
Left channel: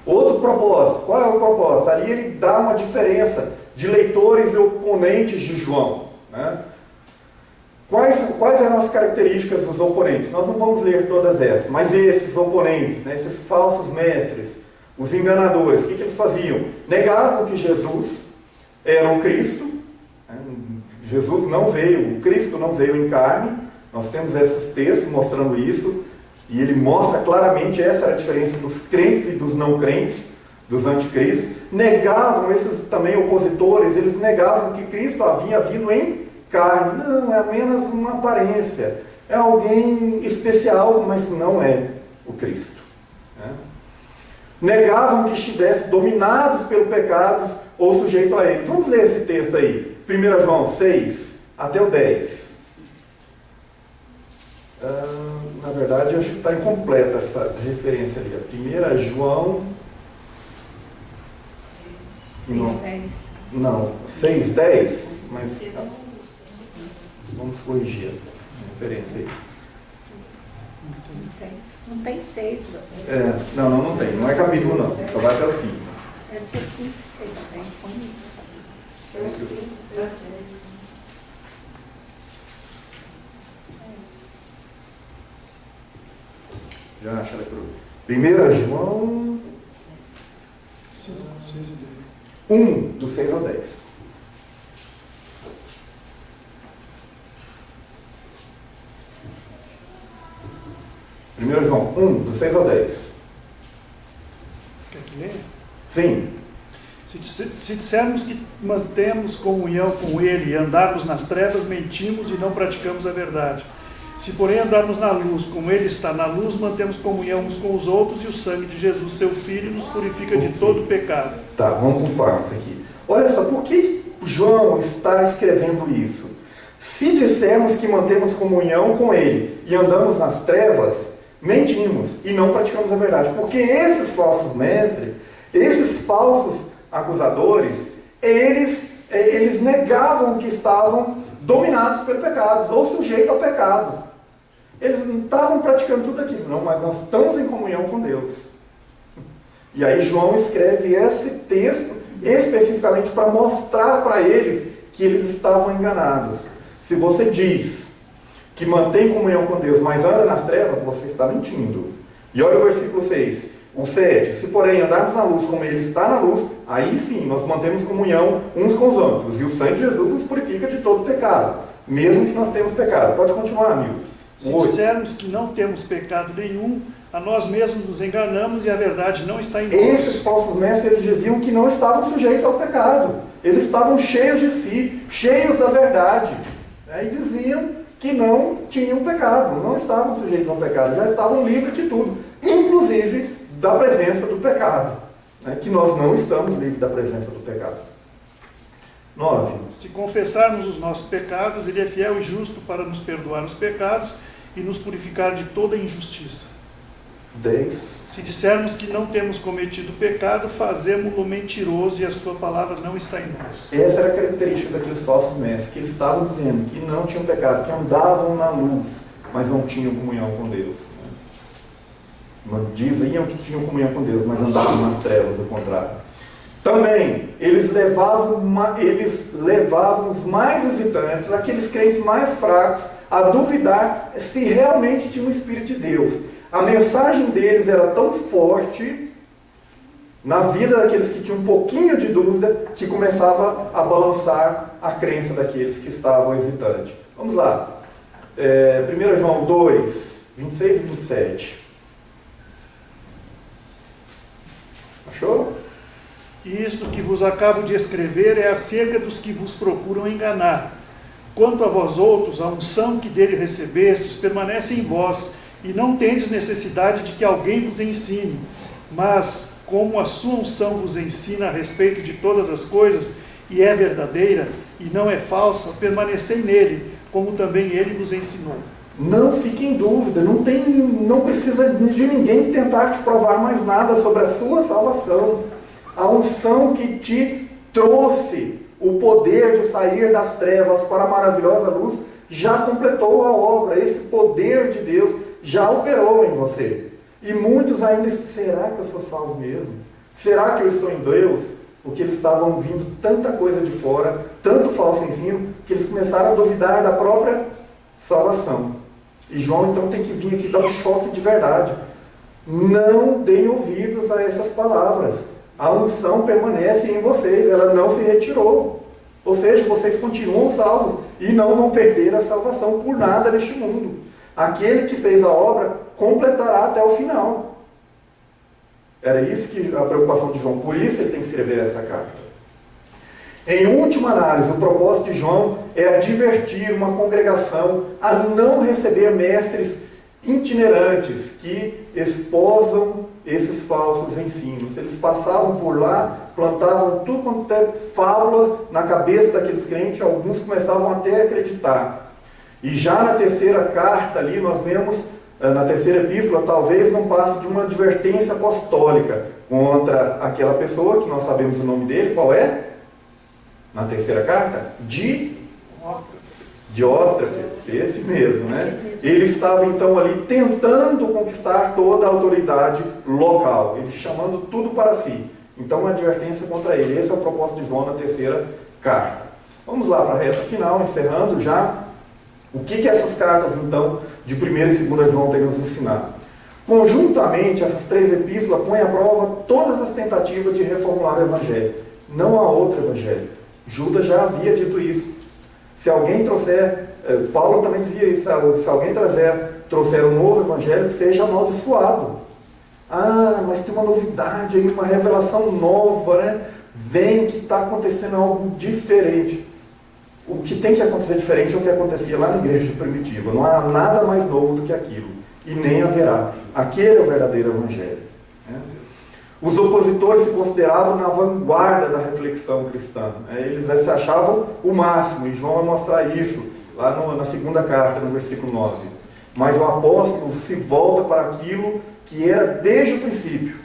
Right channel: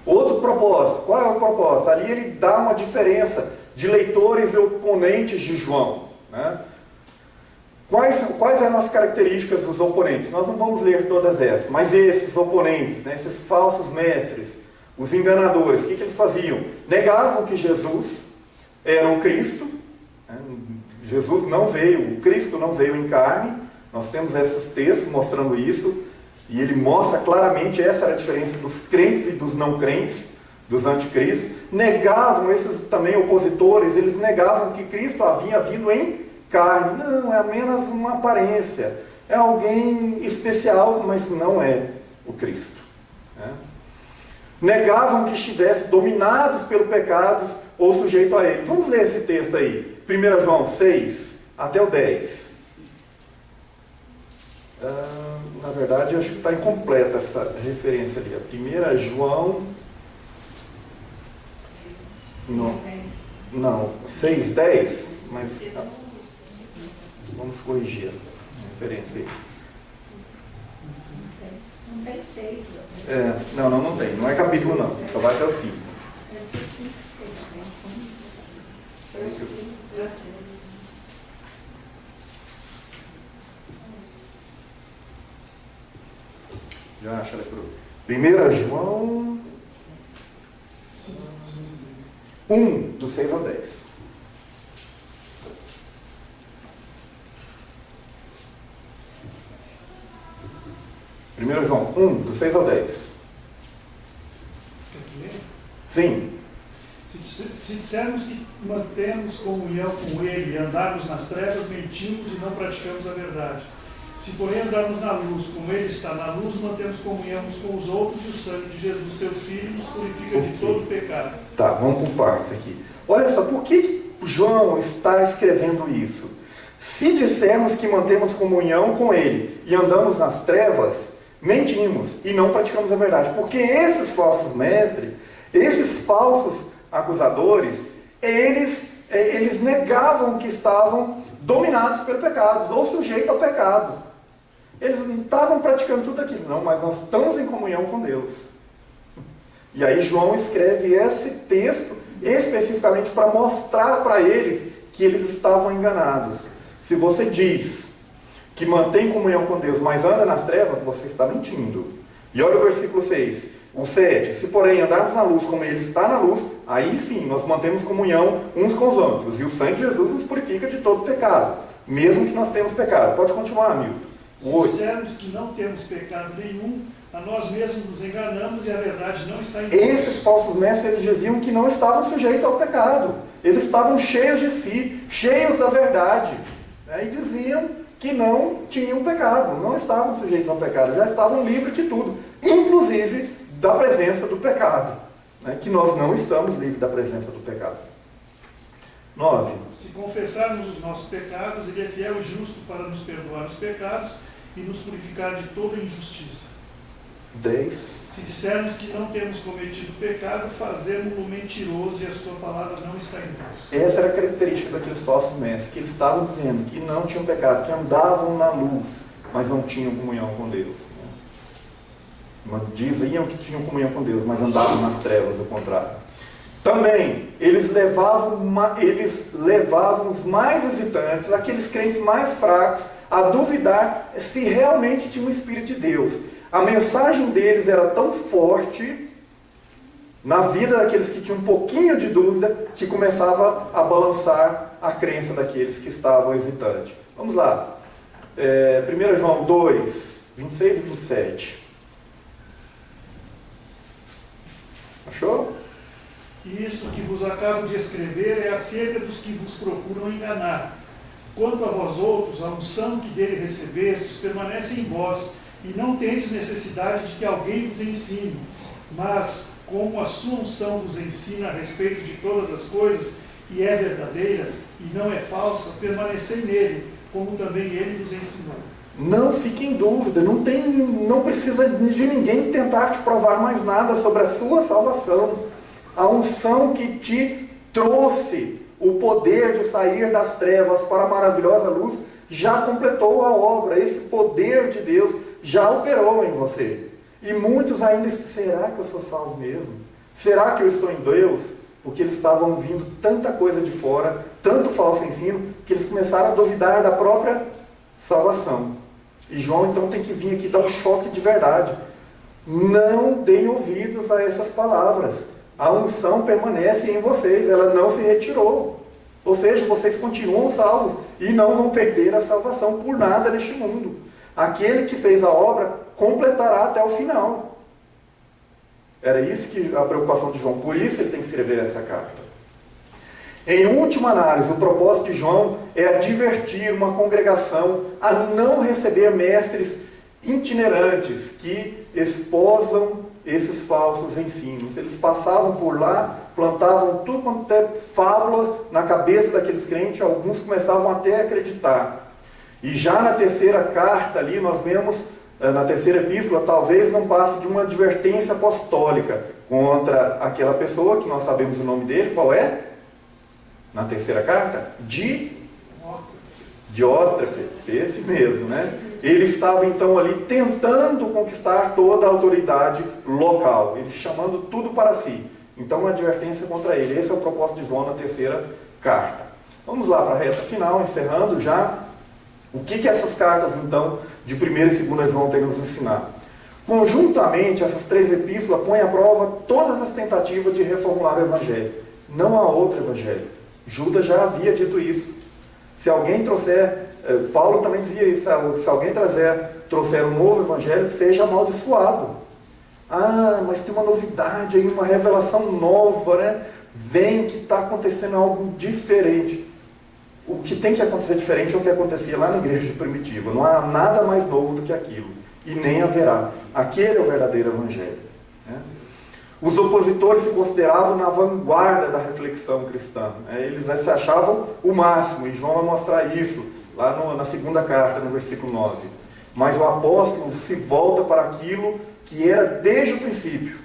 Outro propósito. Qual é o propósito? Ali ele dá uma diferença de leitores e oponentes de João, né? Quais eram as características dos oponentes? Nós não vamos ler todas essas, mas esses oponentes, né, esses falsos mestres, os enganadores, o que eles faziam? Negavam que Jesus era o Cristo, né? Jesus não veio, o Cristo não veio em carne. Nós temos esses textos mostrando isso, e ele mostra claramente essa era a diferença dos crentes e dos não crentes, dos anticristos. Negavam, esses também opositores, eles negavam que Cristo havia vindo em carne. Não, é apenas uma aparência, é alguém especial, mas não é o Cristo, né? Negavam que estivessem dominados pelo pecado ou sujeito a ele. Vamos ler esse texto aí, 1 João 6 até o 10. Na verdade, eu acho que está incompleta essa referência ali. A 1 João... Não, 6:10, mas vamos corrigir essa referência aí. Não tem 6. Não tem. Não é capítulo não, só vai até o fim. Deve ser 5, 6, 6. Já acha ela por 1 João 1, do 6 ao 10. Primeiro João 1, do 6 ao 10. Quer que leia? Sim. Se dissermos que mantemos comunhão com Ele e andarmos nas trevas, mentimos e não praticamos a verdade. Se, porém, andarmos na luz, como Ele está na luz, mantemos comunhão uns com os outros, e o sangue de Jesus, seu Filho, nos purifica de todo pecado. Tá, vamos por partes aqui. Olha só, por que João está escrevendo isso? Se dissermos que mantemos comunhão com Ele e andamos nas trevas, mentimos e não praticamos a verdade. Porque esses falsos mestres, esses falsos acusadores, eles negavam que estavam dominados pelo pecado, ou sujeitos ao pecado. Eles não estavam praticando tudo aquilo, não, mas nós estamos em comunhão com Deus. E aí João escreve esse texto especificamente para mostrar para eles que eles estavam enganados. Se você diz que mantém comunhão com Deus, mas anda nas trevas, você está mentindo. E olha o versículo 6, o 7. Se, porém, andarmos na luz como Ele está na luz, aí sim nós mantemos comunhão uns com os outros. E o sangue de Jesus nos purifica de todo pecado, mesmo que nós temos pecado. Pode continuar, amigo. Se dissermos que não temos pecado nenhum, a nós mesmos nos enganamos e a verdade não está em nós. Esses falsos mestres, eles diziam que não estavam sujeitos ao pecado. Eles estavam cheios de si, cheios da verdade, né? E diziam que não tinham pecado, não estavam sujeitos ao pecado, já estavam livres de tudo, inclusive da presença do pecado, né? Que nós não estamos livres da presença do pecado. 9. Se confessarmos os nossos pecados, Ele é fiel e justo para nos perdoar os pecados e nos purificar de toda injustiça. 10. Se dissermos que não temos cometido pecado, fazemo-lo mentiroso e a sua palavra não está em nós. Essa era a característica daqueles falsos mestres, que eles estavam dizendo que não tinham pecado, que andavam na luz, mas não tinham comunhão com Deus, né? Diziam que tinham comunhão com Deus, mas andavam nas trevas, o contrário. Também, eles levavam os mais hesitantes, aqueles crentes mais fracos, a duvidar se realmente tinha um Espírito de Deus. A mensagem deles era tão forte na vida daqueles que tinham um pouquinho de dúvida, que começava a balançar a crença daqueles que estavam hesitantes. Vamos lá. 1 João 2, 26 e 27. Achou? Isto que vos acabo de escrever é acerca dos que vos procuram enganar. Quanto a vós outros, a unção que dele recebestes permanece em vós, e não tendes necessidade de que alguém vos ensine. Mas, como a sua unção vos ensina a respeito de todas as coisas, e é verdadeira, e não é falsa, permanecei nele, como também ele vos ensinou. Não fique em dúvida, não precisa de ninguém tentar te provar mais nada sobre a sua salvação. A unção que te trouxe o poder de sair das trevas para a maravilhosa luz já completou a obra. Esse poder de Deus já operou em você. E muitos ainda dizem, será que eu sou salvo mesmo? Será que eu estou em Deus? Porque eles estavam ouvindo tanta coisa de fora, tanto falso ensino, que eles começaram a duvidar da própria salvação. E João então tem que vir aqui dar um choque de verdade. Não deem ouvidos a essas palavras. A unção permanece em vocês, ela não se retirou. Ou seja, vocês continuam salvos e não vão perder a salvação por nada neste mundo. Aquele que fez a obra completará até o final. Era isso que a preocupação de João, por isso ele tem que escrever essa carta. Em última análise, o propósito de João é advertir uma congregação a não receber mestres itinerantes que esposam esses falsos ensinos. Eles passavam por lá, plantavam tudo quanto é fábulas na cabeça daqueles crentes, alguns começavam até a acreditar. E já na terceira carta ali, nós vemos, na terceira epístola, talvez não passe de uma advertência apostólica contra aquela pessoa, que nós sabemos o nome dele, qual é? Na terceira carta? Diótrefes, esse mesmo, né? Ele estava então ali tentando conquistar toda a autoridade local, ele chamando tudo para si. Então uma advertência contra ele. Esse é o propósito de João na terceira carta. Vamos lá para a reta final, encerrando já. O que essas cartas então de 1 e 2 João têm nos ensinar? Conjuntamente, essas três epístolas põem à prova todas as tentativas de reformular o Evangelho. Não há outro Evangelho. Judas já havia dito isso. Se alguém trouxer, Paulo também dizia isso, se alguém trouxer um novo Evangelho, que seja amaldiçoado. Ah, mas tem uma novidade aí, uma revelação nova, né? Vem que está acontecendo algo diferente. O que tem que acontecer diferente é o que acontecia lá na igreja primitiva. Não há nada mais novo do que aquilo. E nem haverá. Aquele é o verdadeiro Evangelho. Né? Os opositores se consideravam na vanguarda da reflexão cristã. Eles se achavam o máximo. E João vai mostrar isso lá na segunda carta, no versículo 9. Mas o apóstolo se volta para aquilo que era desde o princípio.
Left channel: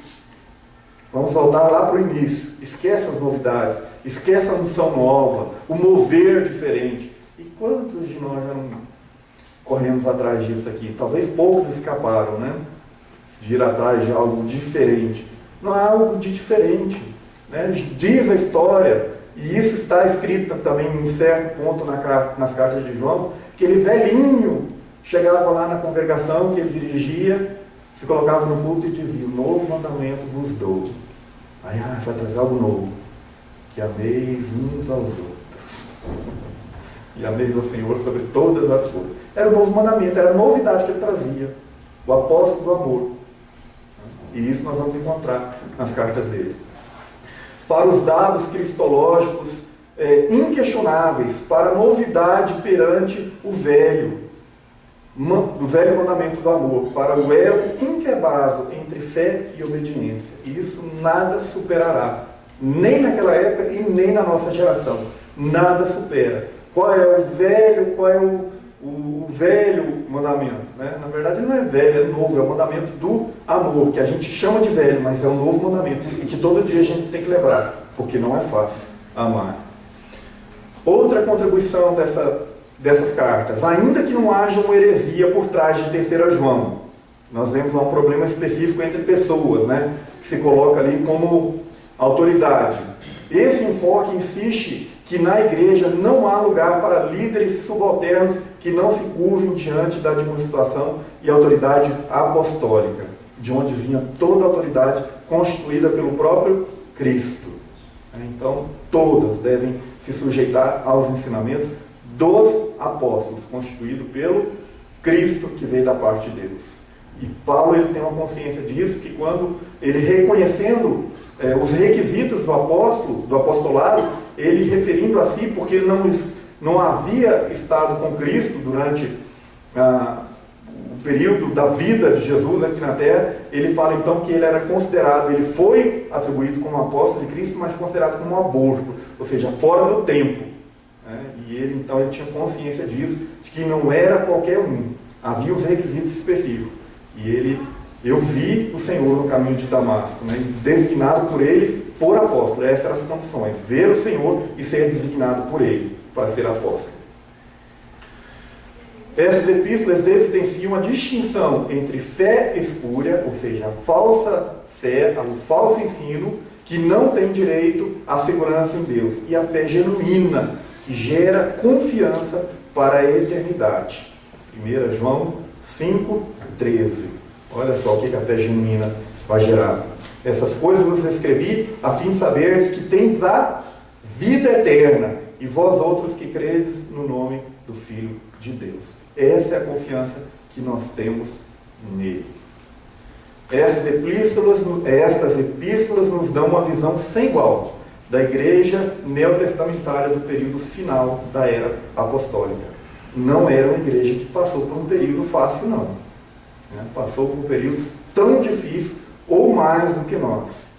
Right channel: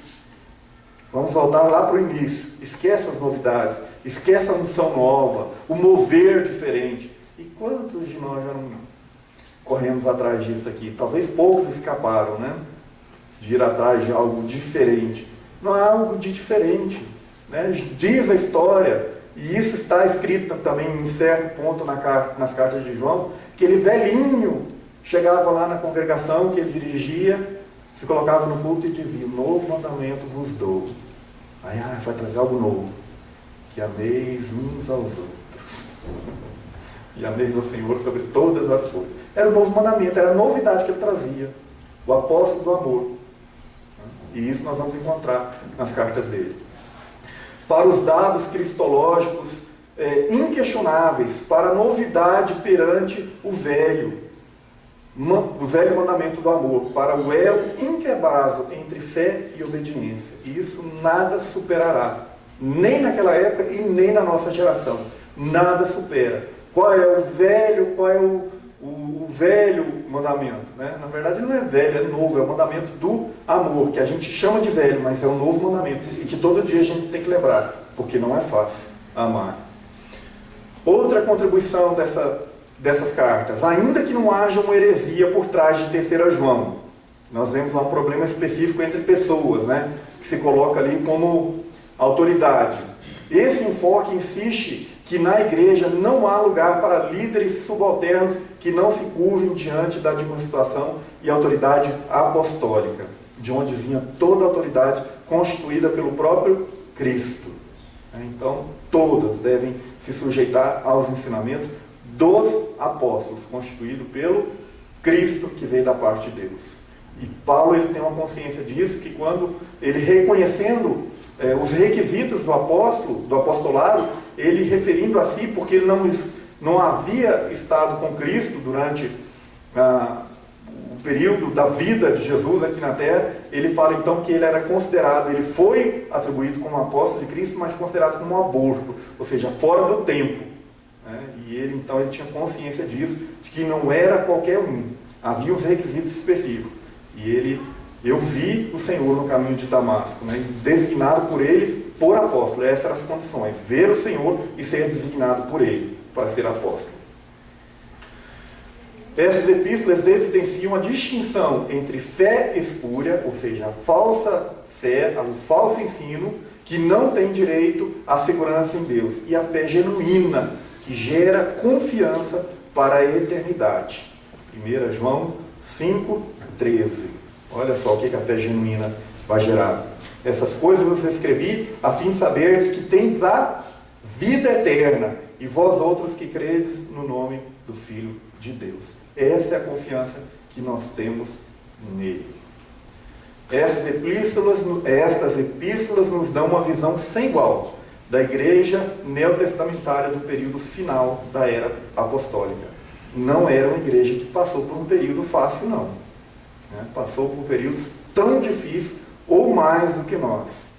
Vamos voltar lá para o início. Esquece as novidades. Esquece a unção nova. O mover diferente. E quantos de nós já não corremos atrás disso aqui? Talvez poucos escaparam, né? De ir atrás de algo diferente. Não há algo de diferente. Né? Diz a história, e isso está escrito também em certo ponto nas cartas de João, que ele velhinho chegava lá na congregação que ele dirigia, se colocava no culto e dizia, novo mandamento vos dou. Aí vai trazer algo novo. Que ameis uns aos outros. E ameis ao Senhor sobre todas as coisas. Era o novo mandamento, era a novidade que ele trazia. O apóstolo do amor. E isso nós vamos encontrar nas cartas dele. Para os dados cristológicos inquestionáveis, para a novidade perante o velho mandamento do amor, para o elo inquebrável entre fé e obediência. E isso nada superará. Nem naquela época e nem na nossa geração. Nada supera. Qual é o velho mandamento? Né? Na verdade não é velho, é novo. É o mandamento do amor, que a gente chama de velho, mas é um novo mandamento. E que todo dia a gente tem que lembrar, porque não é fácil amar. Outra contribuição dessas cartas. Ainda que não haja uma heresia por trás de 3 João. Nós vemos lá um problema específico entre pessoas, né? Que se coloca ali como autoridade. Esse enfoque insiste que na igreja não há lugar para líderes subalternos que não se curvem diante da administração e autoridade apostólica, de onde vinha toda a autoridade constituída pelo próprio Cristo. Então, todas devem se sujeitar aos ensinamentos dos apóstolos, constituído pelo Cristo que veio da parte de Deus. E Paulo ele tem uma consciência disso, que quando ele reconhecendo os requisitos do apóstolo, do apostolado, ele referindo a si, porque ele não havia estado com Cristo durante o período da vida de Jesus aqui na terra, ele fala então que ele era considerado, ele foi atribuído como apóstolo de Cristo, mas considerado como um aborto, ou seja, fora do tempo. E ele então ele tinha consciência disso, de que não era qualquer um, havia os requisitos específicos. E eu vi o Senhor no caminho de Damasco, designado por ele por apóstolo. Essas eram as condições, ver o Senhor e ser designado por ele para ser apóstolo. Essas epístolas evidenciam a distinção entre fé espúria, ou seja, a falsa fé, o falso ensino, que não tem direito à segurança em Deus, e a fé genuína, que gera confiança para a eternidade. 1 João 5,13. Olha só o que a fé genuína vai gerar. Essas coisas vos escrevi a fim de saberdes que tendes a vida eterna, e vós outros que credes no nome do Filho de Deus. Essa é a confiança que nós temos nele. Estas epístolas nos dão uma visão sem igual da igreja neotestamentária do período final da era apostólica. Não era uma igreja que passou por um período fácil, não. Passou por períodos tão difíceis ou mais do que nós.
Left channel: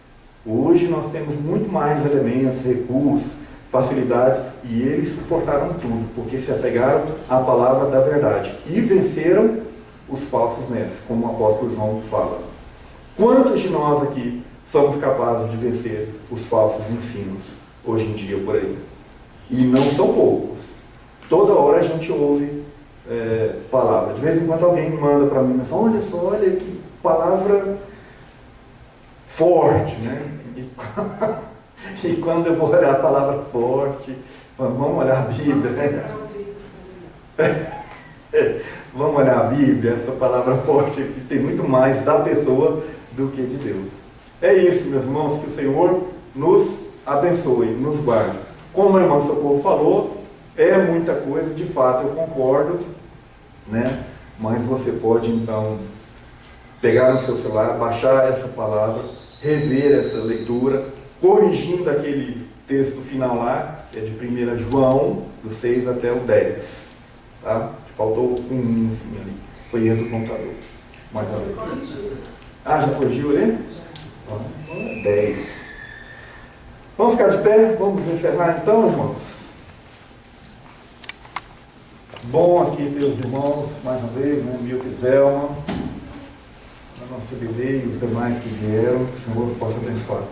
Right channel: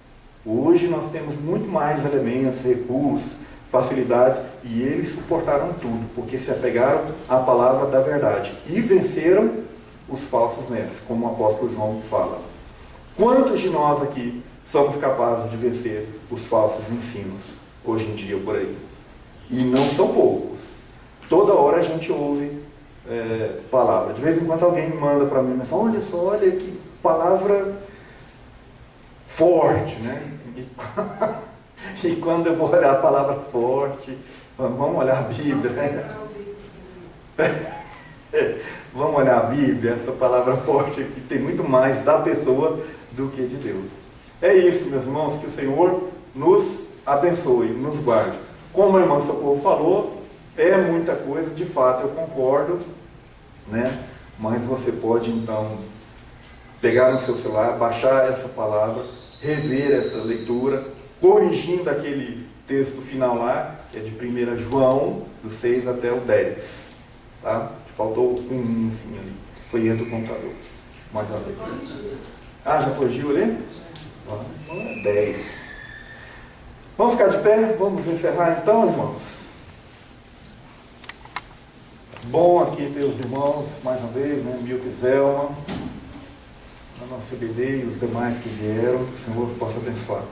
Hoje nós temos muito mais elementos, recursos, facilidades, e eles suportaram tudo, porque se apegaram à palavra da verdade e venceram os falsos mestres, como o apóstolo João fala. Quantos de nós aqui somos capazes de vencer os falsos ensinos hoje em dia por aí? E não são poucos. Toda hora a gente ouve palavra. De vez em quando alguém manda para mim, mas olha só, olha que palavra forte, E quando eu vou olhar a palavra forte, vamos olhar a Bíblia, Vamos olhar a Bíblia, essa palavra forte aqui tem muito mais da pessoa do que de Deus. É isso, meus irmãos, que o Senhor nos abençoe, nos guarde. Como a irmã Socorro falou, é muita coisa, de fato eu concordo, mas você pode então pegar no seu celular, baixar essa palavra, rever essa leitura, corrigindo aquele texto final lá, que é de 1 João, do 6 até o 10. Tá? Que faltou um assim ali. Foi erro do computador. Mais uma vez. Já corrigiu ali? 10. Vamos ficar de pé? Vamos encerrar então, irmãos? Bom aqui ter os irmãos, mais uma vez, Milton e Zelma, a nossa CBD e os demais que vieram, que o Senhor possa abençoar.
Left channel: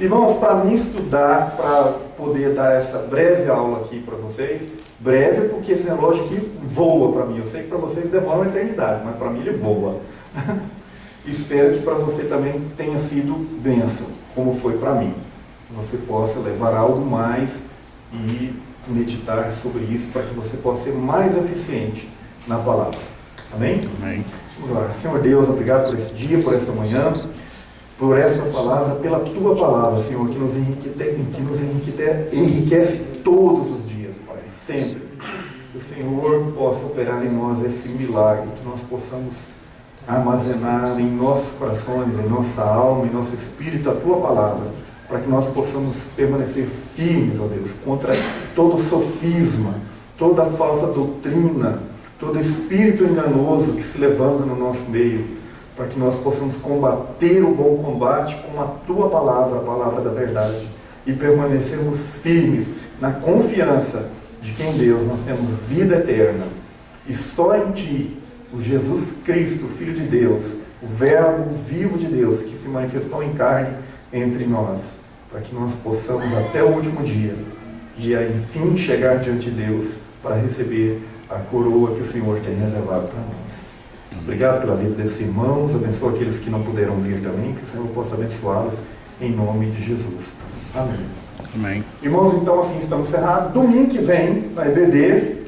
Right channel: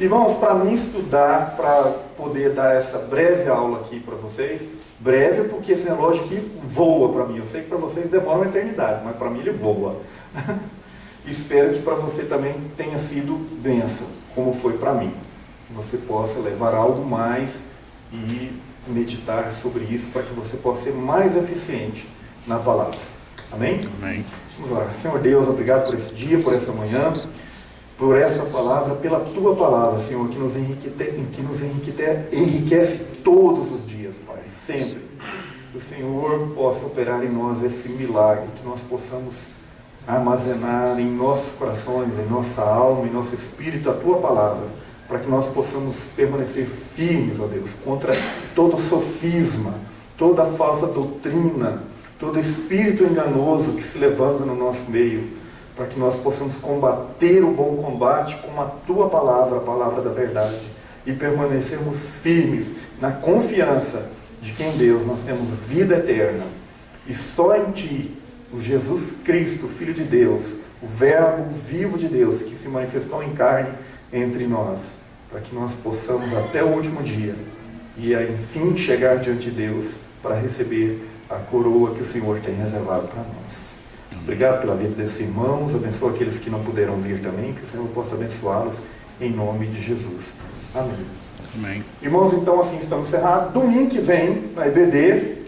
Irmãos, para mim estudar, para poder dar essa breve aula aqui para vocês, breve porque esse relógio aqui voa para mim. Eu sei que para vocês demora uma eternidade, mas para mim ele voa. Espero que para você também tenha sido bênção, como foi para mim. Você possa levar algo mais e meditar sobre isso para que você possa ser mais eficiente na palavra. Amém? Amém. Vamos lá. Senhor Deus, obrigado por esse dia, por essa manhã, por essa palavra, pela Tua palavra, Senhor, que nos enriquece todos os dias, Pai, sempre. Que o Senhor possa operar em nós esse milagre, que nós possamos armazenar em nossos corações, em nossa alma, em nosso espírito a Tua palavra, para que nós possamos permanecer firmes, ó Deus, contra todo sofisma, toda falsa doutrina, todo espírito enganoso que se levanta no nosso meio, para que nós possamos combater o bom combate com a Tua palavra, a palavra da verdade, e permanecermos firmes na confiança de que em Deus nós temos vida eterna, e só em Ti, o Jesus Cristo, Filho de Deus, o Verbo vivo de Deus, que se manifestou em carne entre nós, para que nós possamos até o último dia, e enfim chegar diante de Deus, para receber a coroa que o Senhor tem reservado para nós. Obrigado pela vida desses irmãos, abençoa aqueles que não puderam vir também, que o Senhor possa abençoá-los em nome de Jesus. Amém. Amém. Irmãos, então assim estamos encerrados. Domingo que vem, na EBD,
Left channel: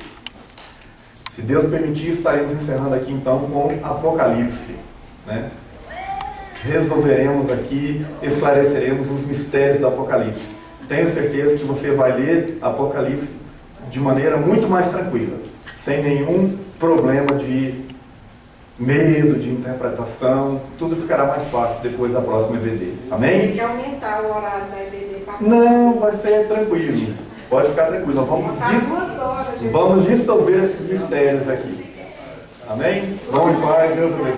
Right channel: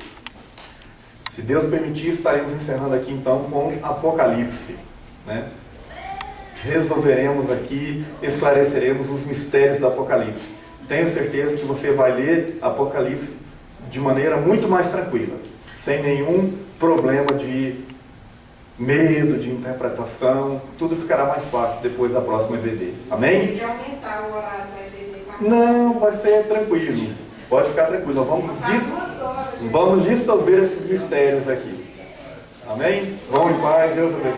se Deus permitir, estaremos encerrando aqui então com Apocalipse, né? Resolveremos aqui, esclareceremos os mistérios do Apocalipse. Tenho certeza que você vai ler Apocalipse de maneira muito mais tranquila, sem nenhum problema de medo, de interpretação. Tudo ficará mais fácil depois da próxima EBD. Amém? Tem que aumentar o horário da EBD para Não, vai ser tranquilo. Pode ficar tranquilo. Nós vamos dissolver esses mistérios aqui. Amém? Vão em paz, Deus abençoe.